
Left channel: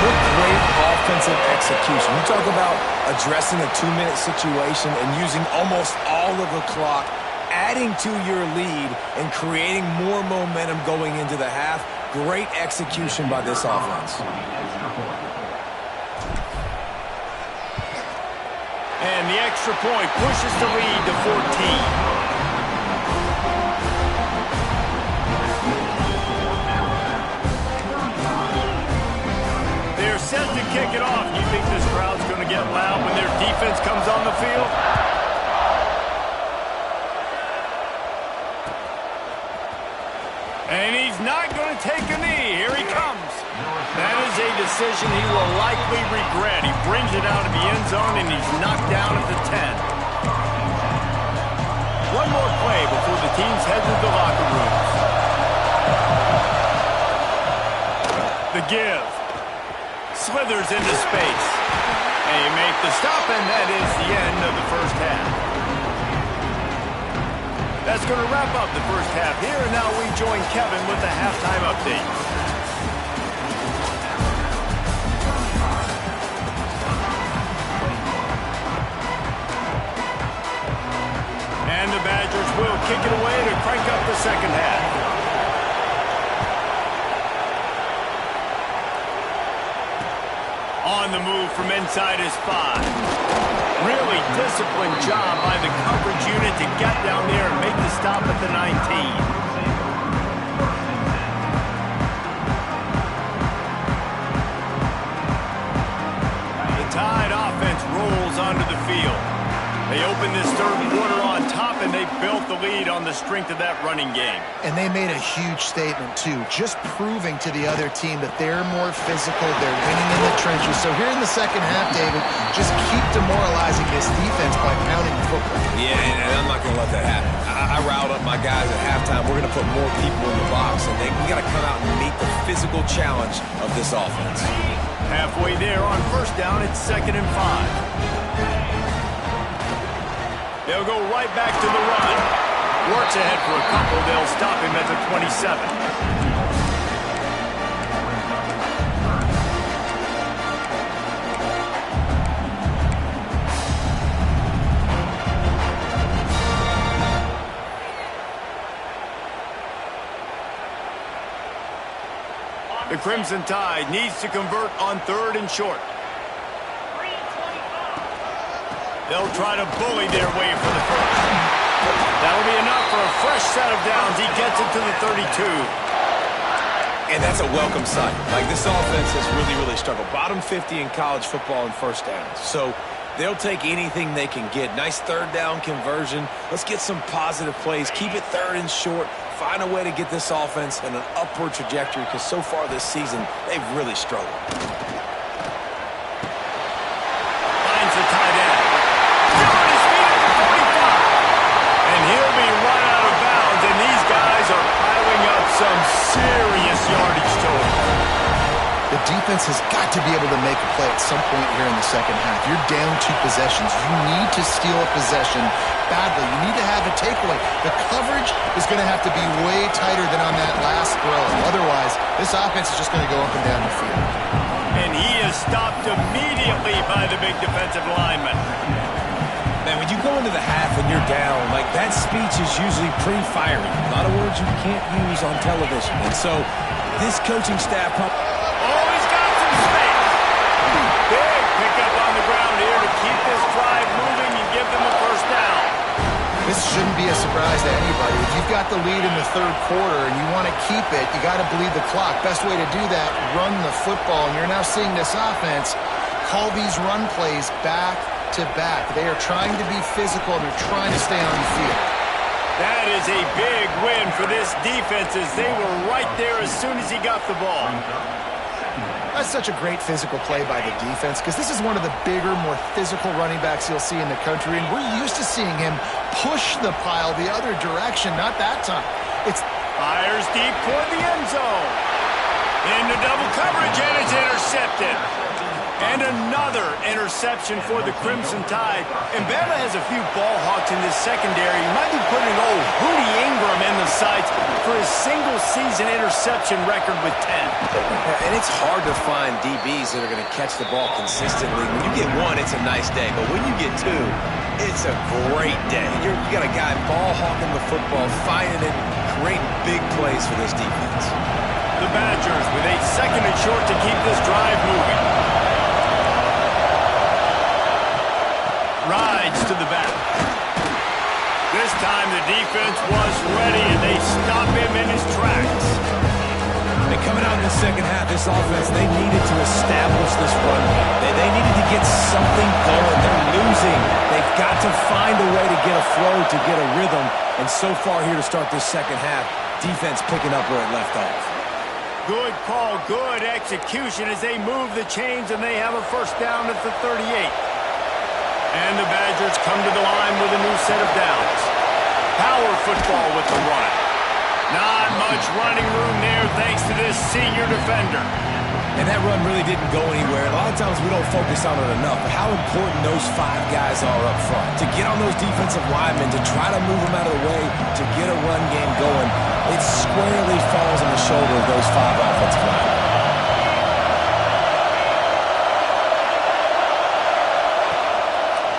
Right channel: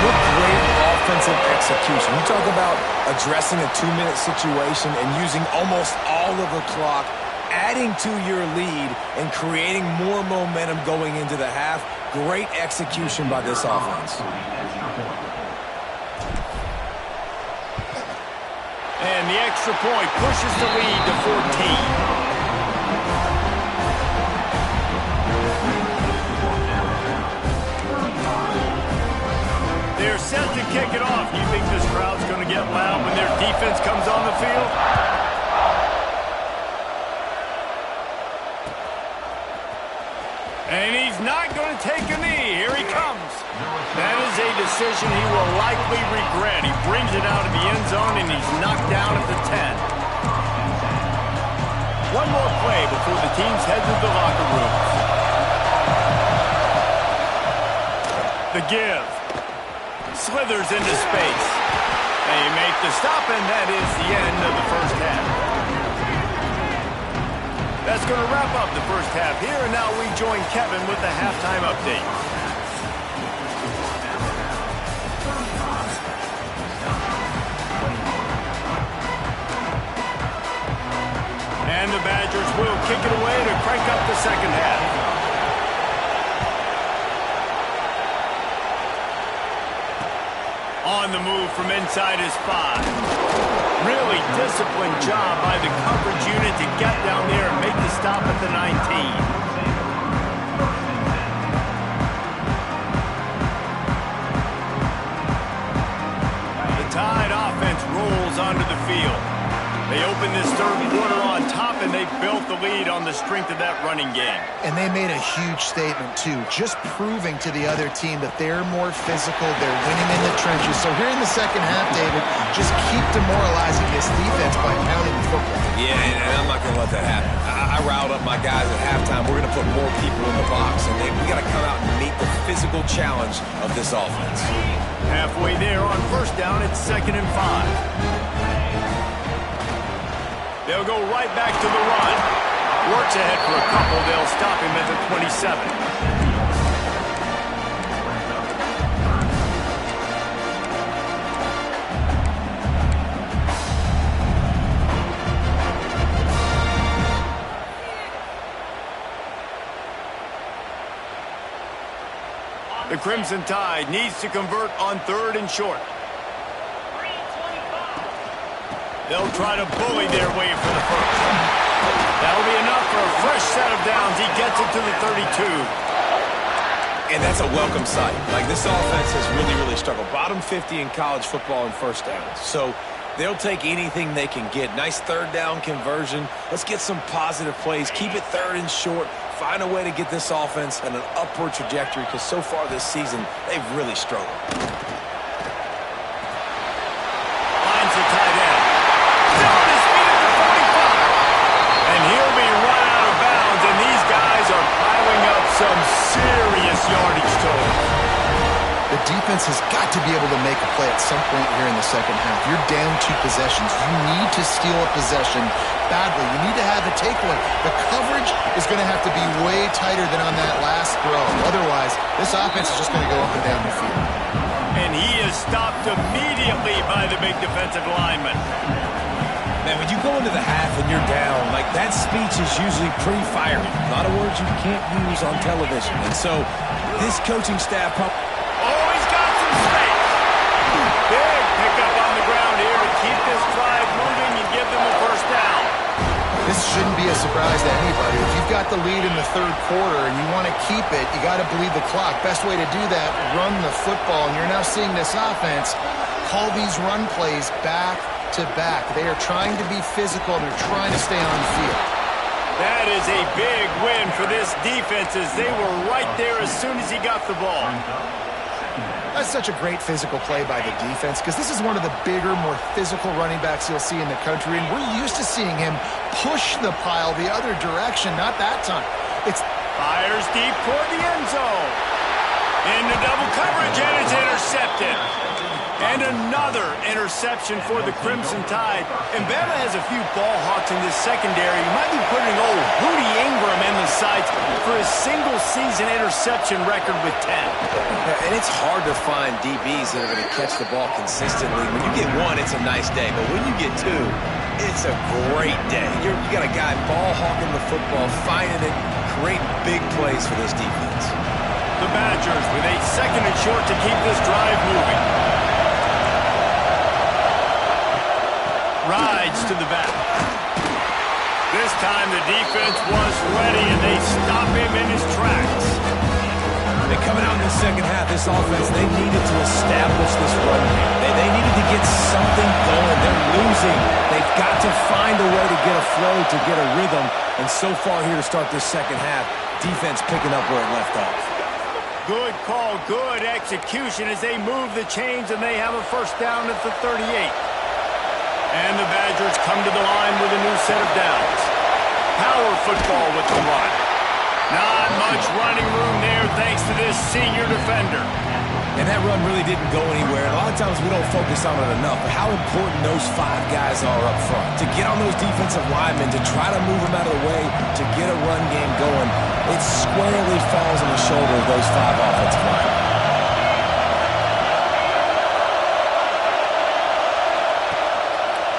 What great offensive execution. You talk about addressing a 2-minute situation and using almost all of the clock, adding to your lead and creating more momentum going into the half. Great execution by this offense. And the extra point pushes the lead to 14. They're set to kick it off. You think this crowd's going to get loud when their defense comes on the field? And he's not going to take a knee. Here he comes. That is a decision he will likely regret. He brings it out of the end zone, and he's knocked down at the 10. One more play before the teams head to the locker rooms. The give. Slithers into space. They make the stop, and that is the end of the first half. That's going to wrap up the first half here, and now we join Kevin with the halftime update. And the Badgers will kick it away to crank up the second half. On the move from inside his 5. Really disciplined job by the coverage unit to get down there and make the stop at the 19. The Tide offense rolls onto the field. They open this third quarter on top, and they built the lead on the strength of that running game. And they made a huge statement, too, just proving to the other team that they're more physical, they're winning in the trenches. So here in the second half, David, just keep demoralizing this defense by pounding the football. Yeah, and I'm not going to let that happen. I riled up my guys at halftime. We're going to put more people in the box, and we got to come out and meet the physical challenge of this offense. Halfway there on first down, it's 2nd and 5. They'll go right back to the run. Works ahead for a couple. They'll stop him at the 27. The Crimson Tide needs to convert on 3rd and short. They'll try to bully their way for the first. That'll be enough for a fresh set of downs. He gets it to the 32. And that's a welcome sight. Like, this offense has really struggled. Bottom 50 in college football in first downs. So they'll take anything they can get. Nice third down conversion. Let's get some positive plays. Keep it 3rd and short. Find a way to get this offense in an upward trajectory, because so far this season, they've really struggled. Finds the tight end. Still on his feet at the 45. And he'll be run out of bounds, and these guys are piling up some serious yardage total. The defense has got to be able to make a play at some point here in the second half. You're down 2 possessions. You need to steal a possession badly. You need to have a takeaway. The coverage is going to have to be way tighter than on that last throw. Otherwise, this offense is just going to go up and down the field. And he is stopped immediately by the big defensive lineman. Man, when you go into the half and you're down, like, that speech is usually pretty fiery. A lot of words you can't use on television. And so this coaching staff... Oh, he's got some space. Big pickup on the ground here to keep this drive moving and give them a first down. This shouldn't be a surprise to anybody. If you've got the lead in the third quarter and you want to keep it, you got to bleed the clock. Best way to do that, run the football. And you're now seeing this offense call these run plays back to back. They are trying to be physical. They're trying to stay on the field. That is a big win for this defense as they were right there as soon as he got the ball. That's such a great physical play by the defense because this is one of the bigger, more physical running backs you'll see in the country, and we're used to seeing him push the pile the other direction. Not that time. It's fires deep toward the end zone. Into double coverage, and it's intercepted. And another interception for the Crimson Tide. And Bama has a few ball hawks in this secondary. You might be putting old Hootie Ingram in the sights for his single-season interception record with 10. And it's hard to find DBs that are going to catch the ball consistently. When you get one, it's a nice day. But when you get two, it's a great day. You got a guy ball hawking the football, finding it, creating big plays for this defense. The Badgers with a second and short to keep this drive moving. Rides to the back. This time the defense was ready, and they stop him in his tracks. They coming out in the second half, this offense, they needed to establish this run game. They needed to get something going. They're losing. They've got to find a way to get a flow, to get a rhythm. And so far here to start this second half, defense picking up where it left off. Good call, good execution as they move the chains, and they have a first down at the 38. And the Badgers come to the line with a new set of downs. Power football with the run. Not much running room there thanks to this senior defender. And that run really didn't go anywhere. A lot of times we don't focus on it enough, but how important those five guys are up front. To get on those defensive linemen, to try to move them out of the way, to get a run game going, it squarely falls on the shoulder of those five offensive linemen.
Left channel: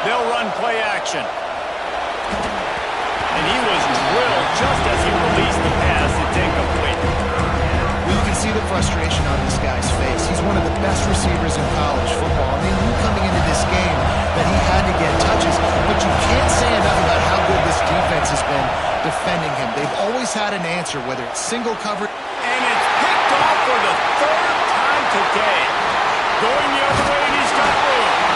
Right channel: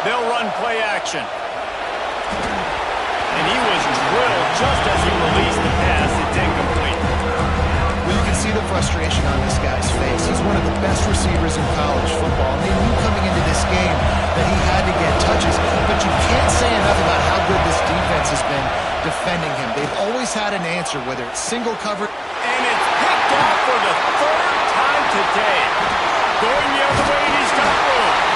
They'll run play action. And he was drilled just as he released the pass. It's incomplete. Well, you can see the frustration on this guy's face. He's one of the best receivers in college football, and they knew coming into this game that he had to get touches. But you can't say enough about how good this defense has been defending him. They've always had an answer, whether it's single coverage. And it's picked off for the third time today. Going the other way, and he's got room.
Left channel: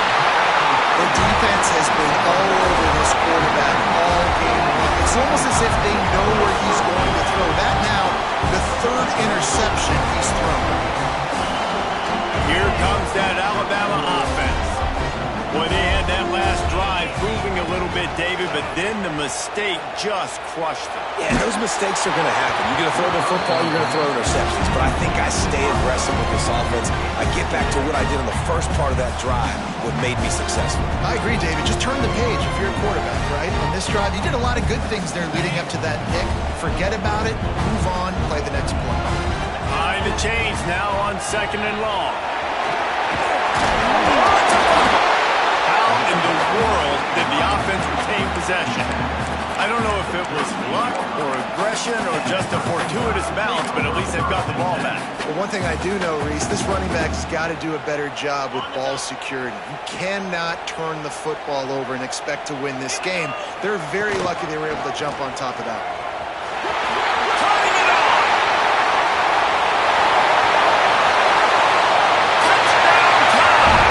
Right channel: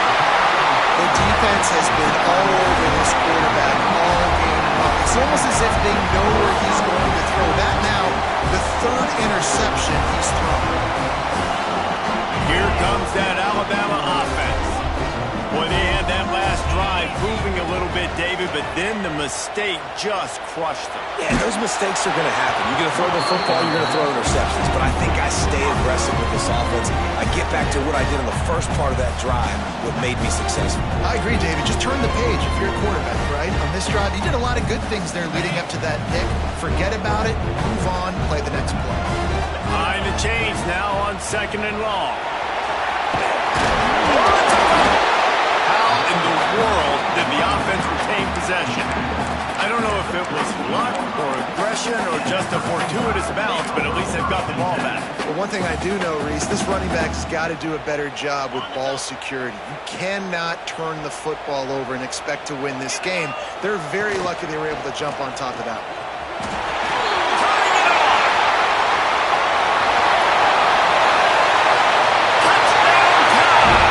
The defense has been all over this quarterback all game long. It's almost as if they know where he's going to throw. That now, the third interception he's thrown. Here comes that Alabama offense. Boy, they had that last drive moving a little bit, David, but then the mistake just crushed them. Yeah, those mistakes are going to happen. You're going to throw the football, you're going to throw interceptions. But I think I stay aggressive with this offense. I get back to what I did in the first part of that drive, what made me successful. I agree, David. Just turn the page if you're a quarterback, right? On this drive, you did a lot of good things there leading up to that pick. Forget about it, move on, play the next play. Behind the chains now on second and long. Oh, it's a fumble. How in the world did the offense retain possession? I don't know if it was luck or aggression or just a fortuitous bounce, but at least they've got the ball back. Well, one thing I do know, Reese, this running back's got to do a better job with ball security. You cannot turn the football over and expect to win this game. They're very lucky they were able to jump on top of that one. Turning it on! Touchdown time!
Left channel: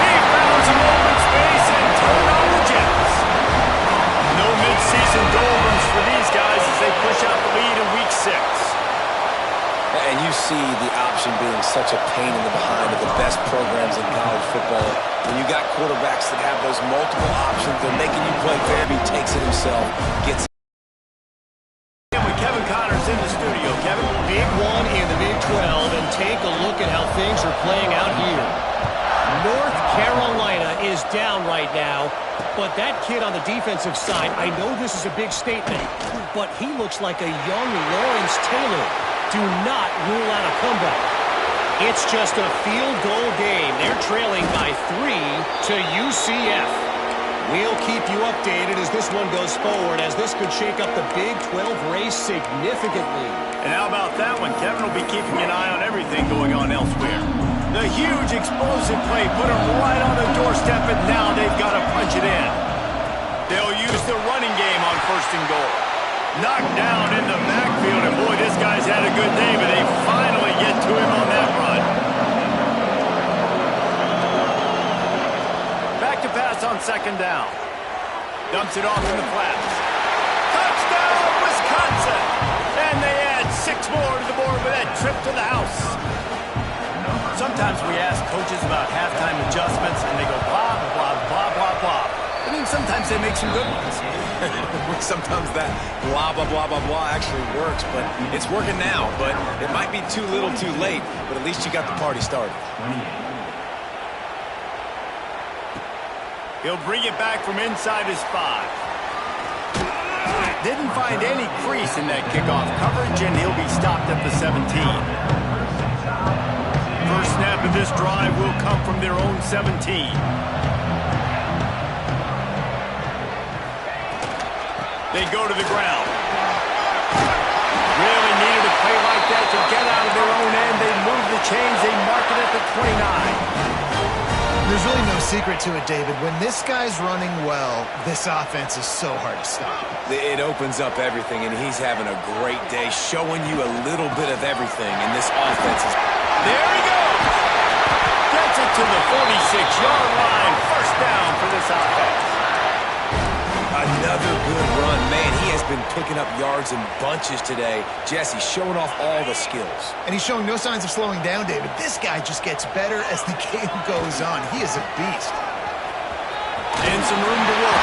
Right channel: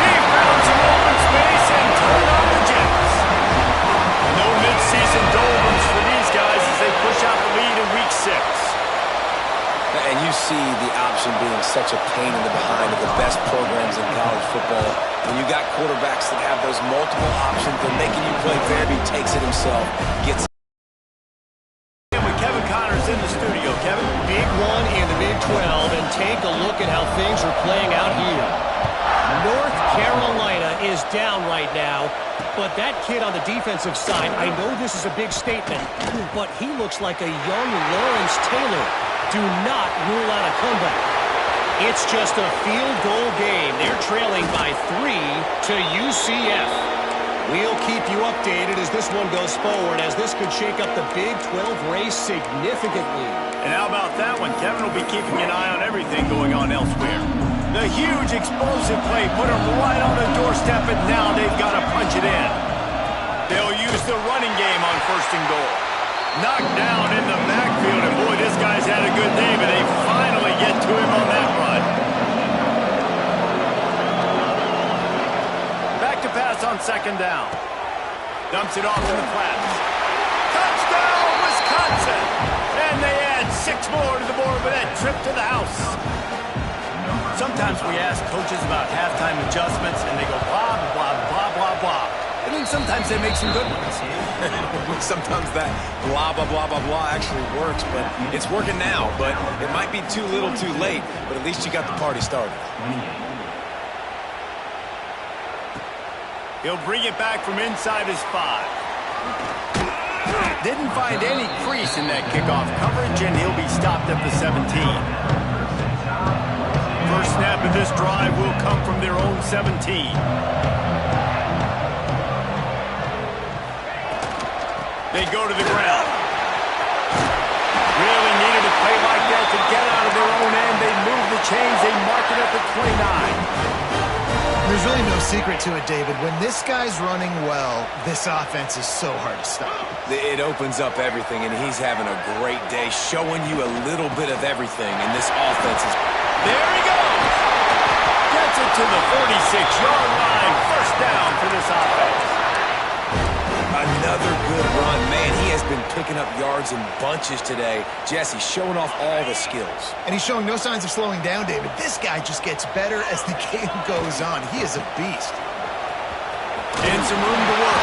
He found some open space and turned on the Jets. No mid-season doldrums for these guys as they push out the lead in Week 6. And you see the option being such a pain in the behind of the best programs in college football. When you got quarterbacks that have those multiple options, they're making you play fair. He takes it himself, gets. And with Kevin Connors in the studio, Kevin. Big one in the Big 12, and take a look at how things are playing out here. North Carolina is down right now, but that kid on the defensive side, I know this is a big statement, but he looks like a young Lawrence Taylor. Do not rule out a comeback. It's just a field goal game. They're trailing by 3 to UCF. We'll keep you updated as this one goes forward, as this could shake up the Big 12 race significantly. And how about that one? Kevin will be keeping an eye on everything going on elsewhere. The huge explosive play put them right on the doorstep, and now they've got to punch it in. They'll use the running game on 1st and goal. Knocked down in the backfield, and boy, this guy's had a good day, but they finally get to him on that run. Back to pass on 2nd down. Dumps it off in the flats. Touchdown, Wisconsin! And they add 6 more to the board with that trip to the house. Sometimes we ask coaches about halftime adjustments, and they go blah, blah, blah, blah, blah. And then sometimes they make some good ones. Sometimes that blah, blah, blah, blah, blah actually works, but it's working now. But it might be too little too late, but at least you got the party started. He'll bring it back from inside his 5. Didn't find any crease in that kickoff coverage, and he'll be stopped at the 17. First snap of this drive will come from their own 17. They go to the ground. Really needed a play like that to get out of their own end. They move the chains. They mark it at the 29. There's really no secret to it, David. When this guy's running well, this offense is so hard to stop. It opens up everything, and he's having a great day, showing you a little bit of everything, and this offense is... There he goes! Gets it to the 46-yard line. First down for this offense. Another good run. Man, he has been picking up yards in bunches today. Jesse showing off all the skills. And he's showing no signs of slowing down, David. This guy just gets better as the game goes on. He is a beast. And some room to work.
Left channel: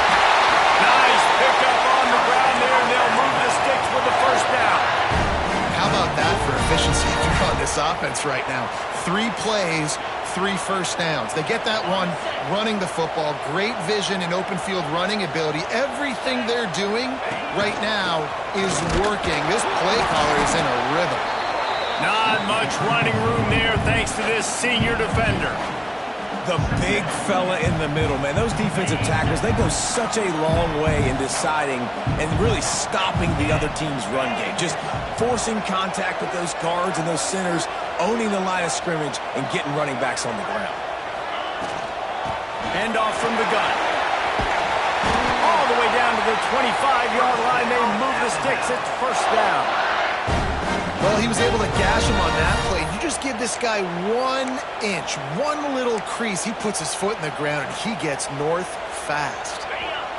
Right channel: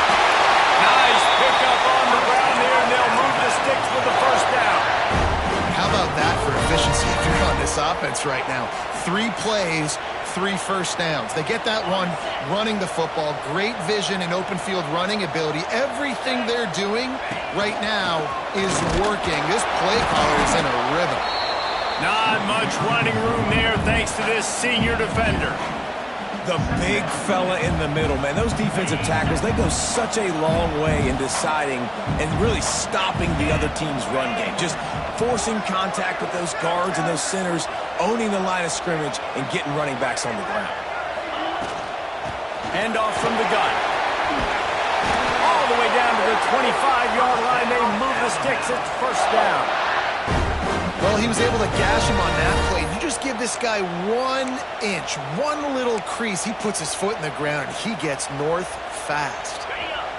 Nice pickup on the ground there, and they'll move the sticks with the first down. How about that for efficiency if you're on this offense right now? 3 plays, 3 first downs. They get that one running the football. Great vision and open field running ability. Everything they're doing right now is working. This play caller is in a rhythm. Not much running room there thanks to this senior defender. The big fella in the middle, man. Those defensive tackles, they go such a long way in deciding and really stopping the other team's run game. Just forcing contact with those guards and those centers, owning the line of scrimmage, and getting running backs on the ground. Hand off from the gun. All the way down to the 25-yard line. They move the sticks. It's first down. Well, he was able to gash him on that play. You just give this guy 1 inch, one little crease. He puts his foot in the ground, and he gets north fast.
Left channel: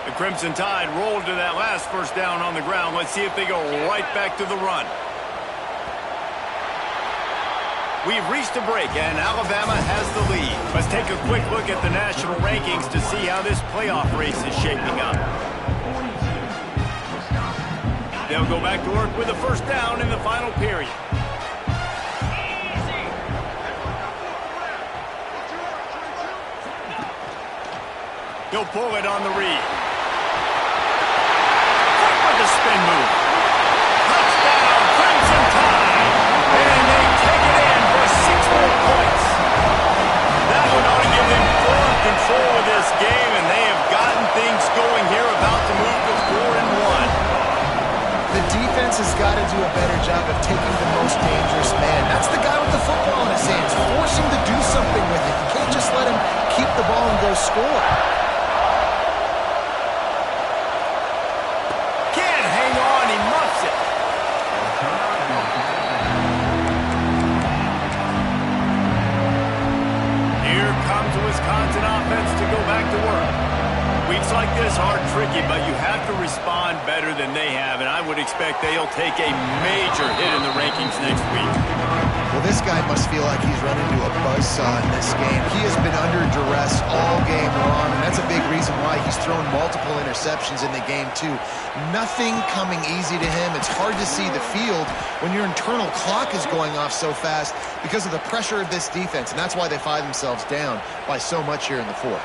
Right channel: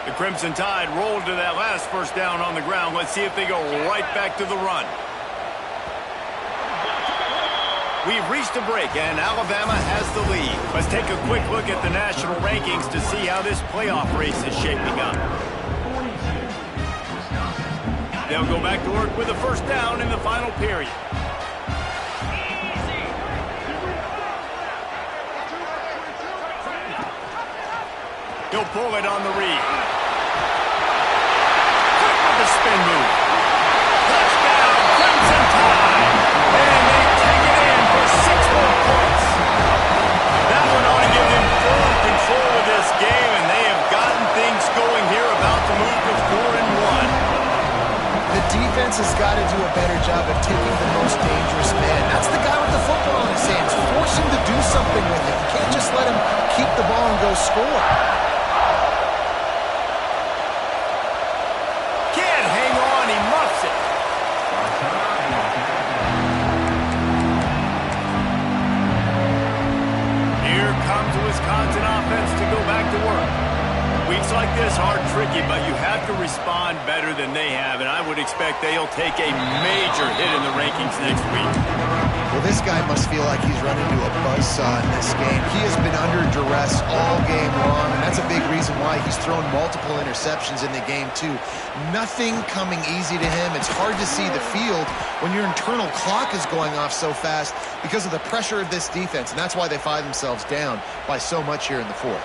The Crimson Tide rolled to that last first down on the ground. Let's see if they go right back to the run. We've reached a break, and Alabama has the lead. Let's take a quick look at the national rankings to see how this playoff race is shaping up. They'll go back to work with a first down in the final period. He'll pull it on the read. Quick with the spin move. Touchdown, Crimson Tide. And they take it in for 6 more points. That one ought to give them full control of this game, and they have gotten things going here, about to move to 4-1. The defense has got to do a better job of taking the most dangerous man. That's the guy with the football in his hands. Force him to do something with it. You can't just let him keep the ball and go score. Can't hang on. He muffs it. Here comes the Wisconsin offense to go back to work. Weeks like this are tricky, but you have to respond better than they have, and I would expect they'll take a major hit in the rankings next week. Well, this guy must feel like he's run into a buzzsaw in this game. He has been under duress all game long, and that's a big reason why he's thrown multiple interceptions in the game, too. Nothing coming easy to him. It's hard to see the field when your internal clock is going off so fast because of the pressure of this defense, and that's why they find themselves down by so much here in the fourth.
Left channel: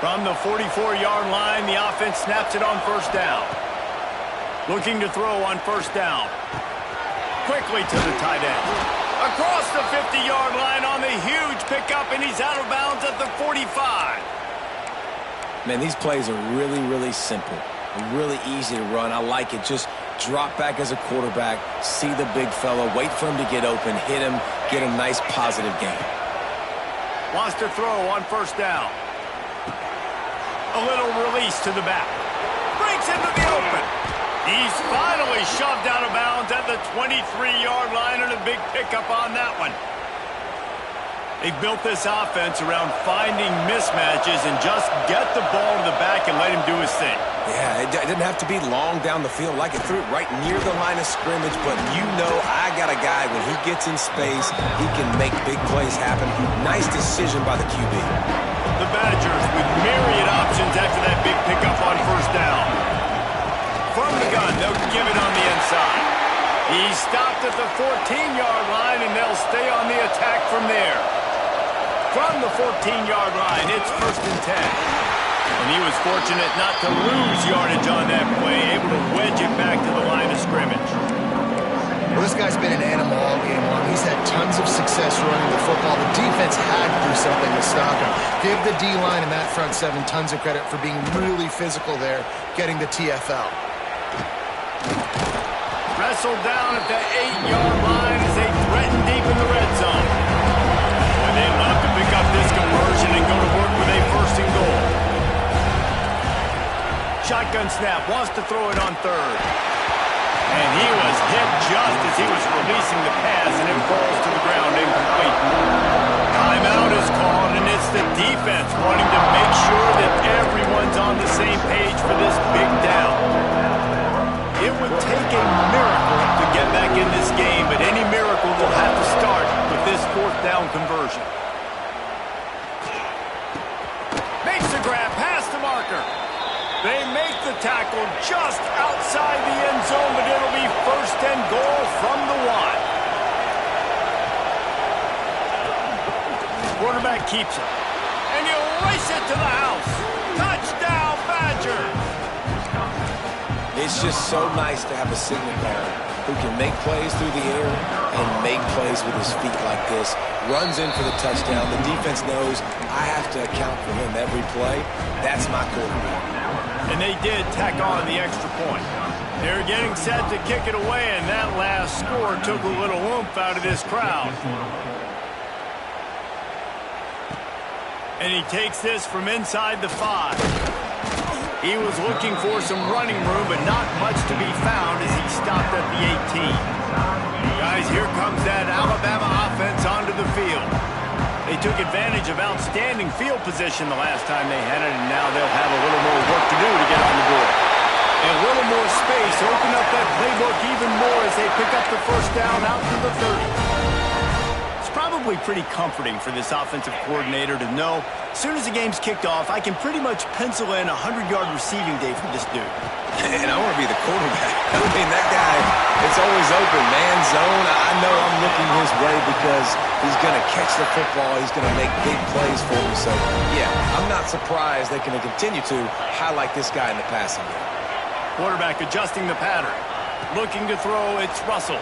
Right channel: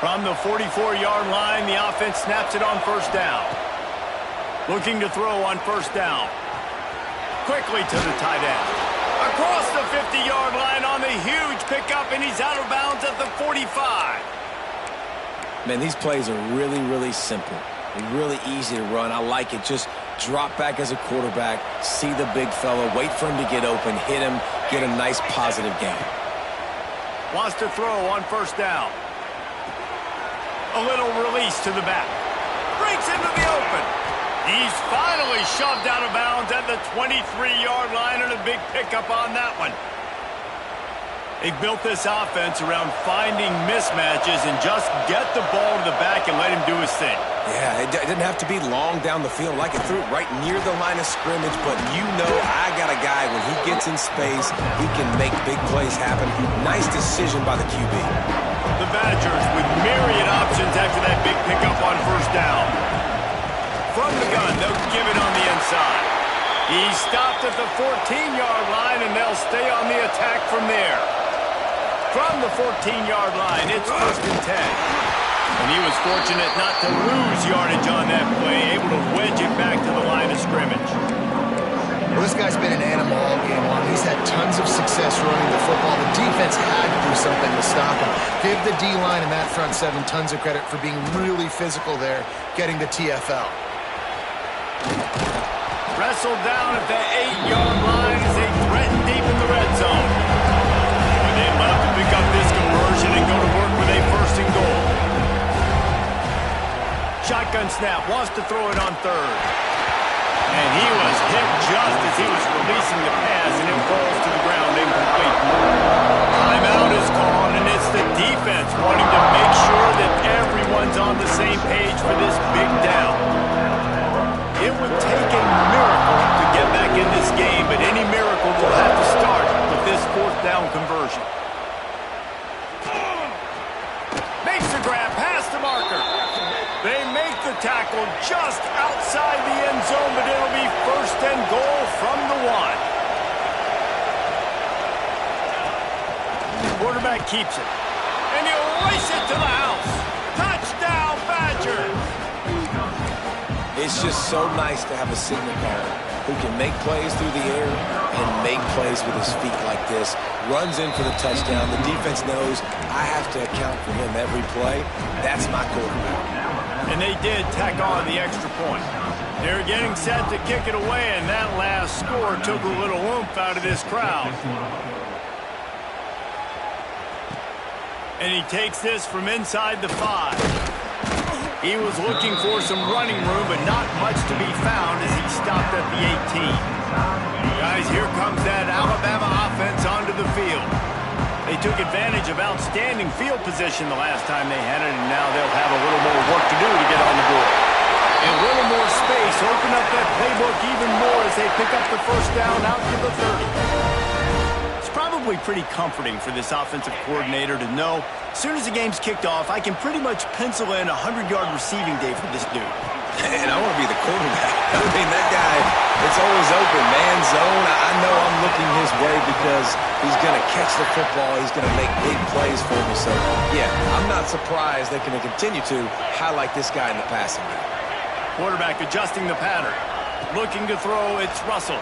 From the 44-yard line, the offense snaps it on first down. Looking to throw on first down. Quickly to the tight end. Across the 50-yard line on the huge pickup, and he's out of bounds at the 45. Man, these plays are really, really simple. Really easy to run. I like it. Just drop back as a quarterback, see the big fella, wait for him to get open, hit him, get a nice positive gain. Wants to throw on first down. A little release to the back. Breaks into the open. He's finally shoved out of bounds at the 23-yard line, and a big pickup on that one. They've built this offense around finding mismatches and just get the ball to the back and let him do his thing. Yeah, it didn't have to be long down the field. Like it threw it right near the line of scrimmage, but you know I got a guy, when he gets in space, he can make big plays happen. Nice decision by the QB. The Badgers with myriad options after that big pickup on first down. From the gun, they'll give it on the inside. He stopped at the 14-yard line, and they'll stay on the attack from there. From the 14-yard line, it's 1st and 10. And he was fortunate not to lose yardage on that play, able to wedge it back to the line of scrimmage. Well, this guy's been an animal all game long. He's had tons of success running the football. The defense had to do something to stop him. Give the D-line and that front seven tons of credit for being really physical there, getting the TFL. Wrestled down at the 8-yard line as they threaten deep in the red zone. Well, they'd love to pick up this conversion and go to work with a 1st and goal. Shotgun snap, wants to throw it on 3rd. And he was hit just as he was releasing the pass, and it falls to the ground incomplete. Timeout is called, and it's the defense wanting to make sure that everyone's on the same page for this big down. It would take a miracle to get back in this game, but any miracle will have to start with this 4th down conversion. Makes the grab past the marker. They make the tackle just outside the end zone, but it'll be 1st and goal from the 1. Quarterback keeps it. And he'll race it to the house. Touchdown, Badgers! It's just so nice to have a signal caller who can make plays through the air and make plays with his feet like this. Runs in for the touchdown. The defense knows I have to account for him every play. That's my quarterback. And they did tack on the extra point. They're getting set to kick it away, and that last score took a little oomph out of this crowd. And he takes this from inside the 5. He was looking for some running room, but not much to be found as he stopped at the 18. Guys, here comes that Alabama offense onto the field. They took advantage of outstanding field position the last time they had it, and now they'll have a little more work to do to get on the board. And a little more space, open up that playbook even more as they pick up the 1st down out to the 30. It's probably pretty comforting for this offensive coordinator to know as soon as the game's kicked off, I can pretty much pencil in a 100-yard receiving day for this dude. And I want to be the quarterback. I mean, that guy, it's always open, man zone. I know I'm looking his way because he's going to catch the football. He's going to make big plays for me. So, yeah, I'm not surprised they're going to continue to highlight this guy in the passing game. Quarterback adjusting the pattern. Looking to throw, it's Russell.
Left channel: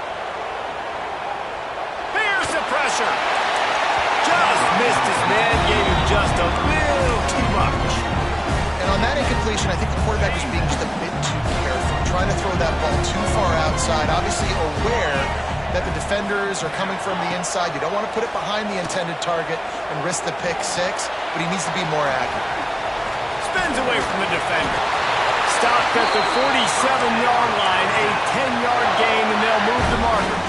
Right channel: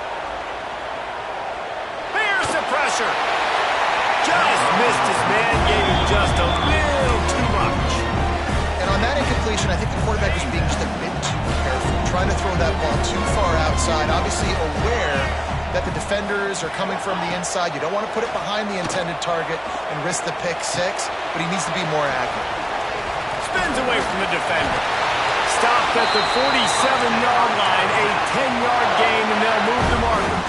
Here's the pressure. Just missed his man, gave him just a little too much. And on that incompletion, I think the quarterback was being just a bit too careful, trying to throw that ball too far outside, obviously aware that the defenders are coming from the inside. You don't want to put it behind the intended target and risk the pick 6, but he needs to be more accurate. Spins away from the defender. Stopped at the 47-yard line, a 10-yard gain, and they'll move the markers.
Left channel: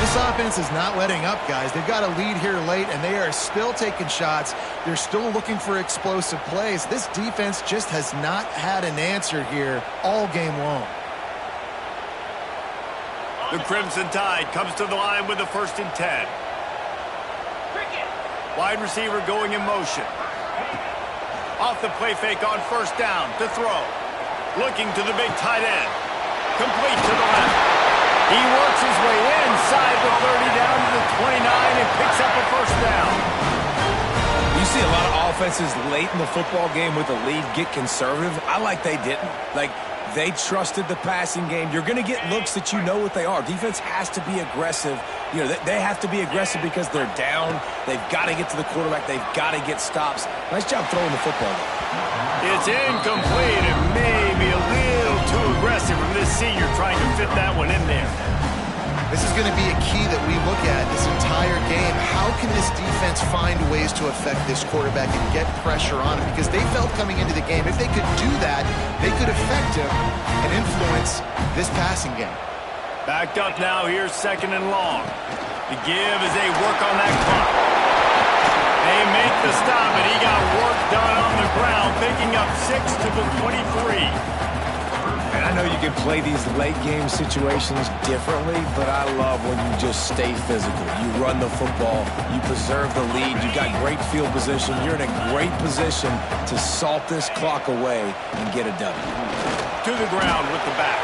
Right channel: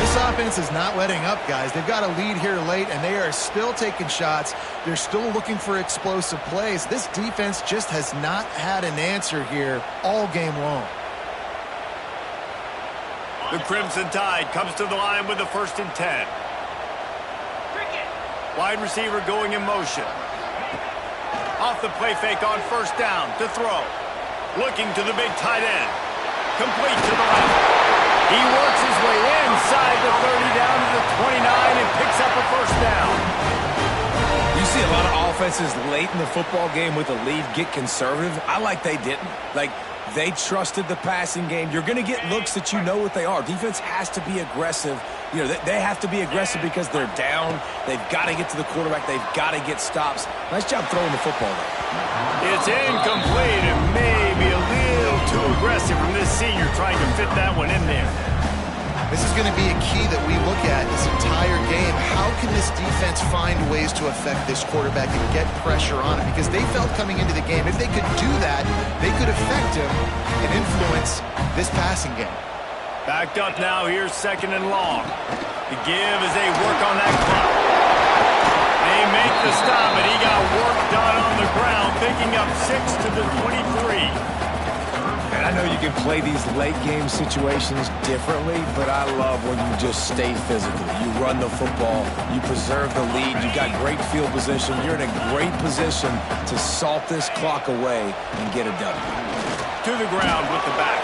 This offense is not letting up, guys. They've got a lead here late, and they are still taking shots. They're still looking for explosive plays. This defense just has not had an answer here all game long. The Crimson Tide comes to the line with the 1st and 10. Wide receiver going in motion. Off the play fake on 1st down to throw. Looking to the big tight end. Complete to the left. He works his way inside the 30 down to the 29 and picks up a 1st down. You see a lot of offenses late in the football game with a lead get conservative. I like they didn't. Like, they trusted the passing game. You're going to get looks that you know what they are. Defense has to be aggressive. You know, they have to be aggressive because they're down. They've got to get to the quarterback. They've got to get stops. Nice job throwing the football, though. It's incomplete and maybe a little too aggressive from this senior trying to fit that one in there. This is going to be a key that we look at this entire game. How can this defense find ways to affect this quarterback and get pressure on him? Because they felt coming into the game, if they could do that, they could affect him and influence this passing game. Backed up now, here's 2nd and long. The give as they work on that clock. They make the stop, and he got work done on the ground, picking up 6 to the 23. And I know you can play these late game situations differently, but I love when you just stay physical. You run the football, you preserve the lead, you got great field position, you're in a great position to salt this clock away and get a W. To the ground with the back.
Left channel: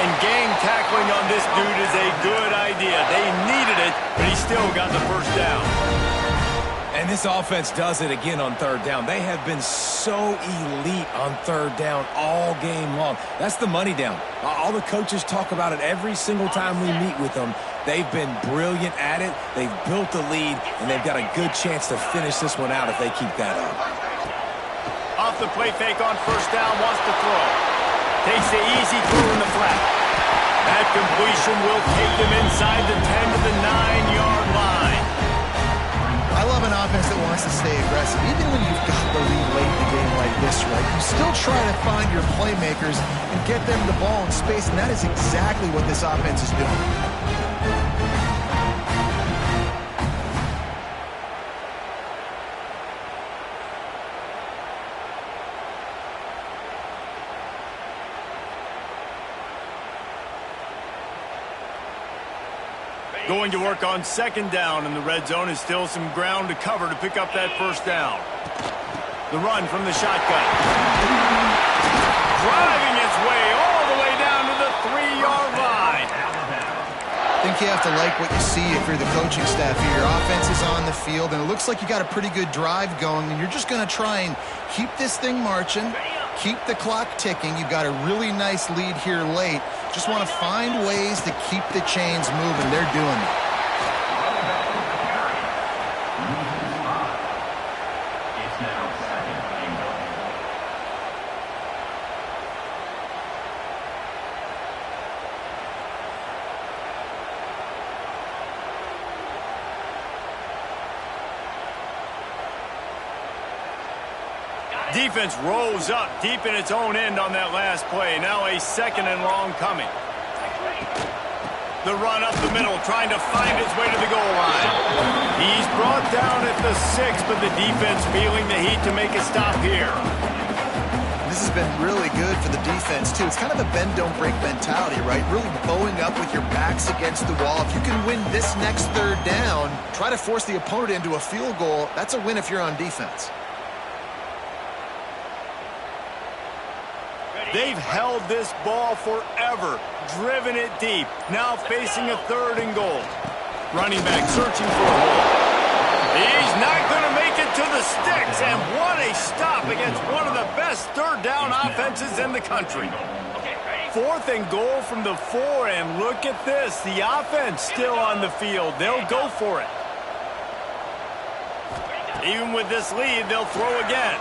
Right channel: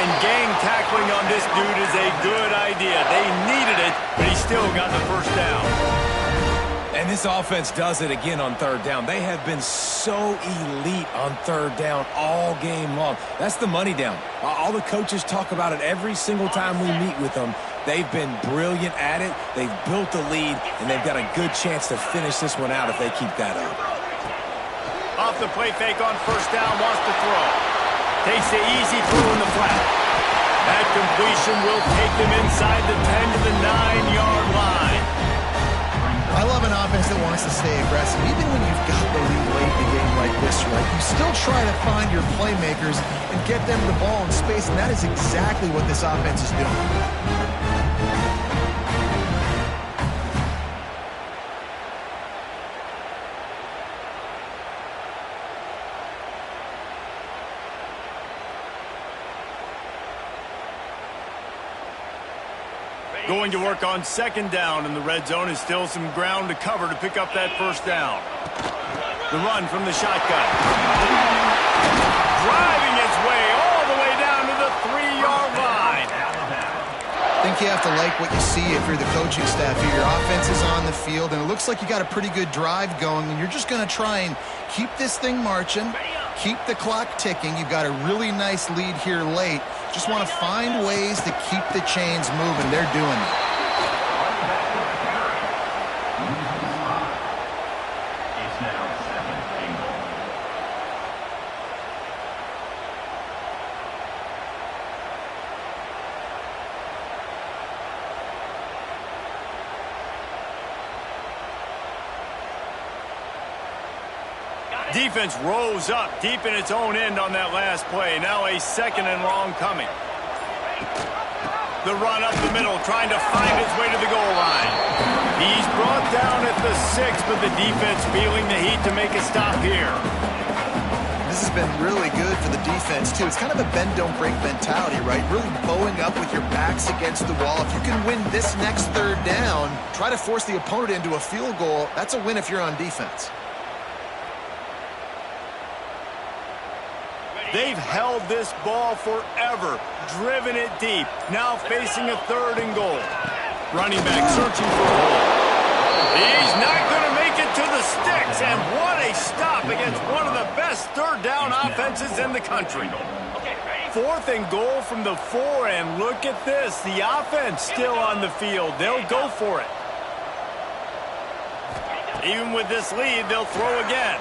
And gang tackling on this dude is a good idea. They needed it, but he still got the first down. And this offense does it again on 3rd down. They have been so elite on 3rd down all game long. That's the money down. All the coaches talk about it every single time we meet with them. They've been brilliant at it. They've built the lead, and they've got a good chance to finish this one out if they keep that up. Off the play fake on 1st down, wants to throw. Takes the easy throw in the flat. That completion will take them inside the 10 to the 9-yard line. I love an offense that wants to stay aggressive. Even when you've got the lead late in the game like this, right, you still try to find your playmakers and get them the ball in space, and that is exactly what this offense is doing. Going to work on 2nd down in the red zone is still some ground to cover to pick up that 1st down. The run from the shotgun. Driving its way all the way down to the 3-yard line. I think you have to like what you see if you're the coaching staff here. Your offense is on the field, and it looks like you got a pretty good drive going, and you're just going to try and keep this thing marching, keep the clock ticking. You've got a really nice lead here late. Just want to find ways to keep the chains moving. They're doing it. It's now 2nd and goal. Defense rose up deep in its own end on that last play. Now a 2nd and long coming. The run up the middle, trying to find its way to the goal line. He's brought down at the 6, but the defense feeling the heat to make a stop here. This has been really good for the defense, too. It's kind of a bend-don't-break mentality, right? Really bowing up with your backs against the wall. If you can win this next 3rd down, try to force the opponent into a field goal. That's a win if you're on defense. They've held this ball forever, driven it deep, now facing a 3rd and goal. Running back searching for a hole. He's not going to make it to the sticks, and what a stop against one of the best 3rd down offenses in the country. 4th and goal from the 4, and look at this, the offense still on the field. They'll go for it. Even with this lead, they'll throw again.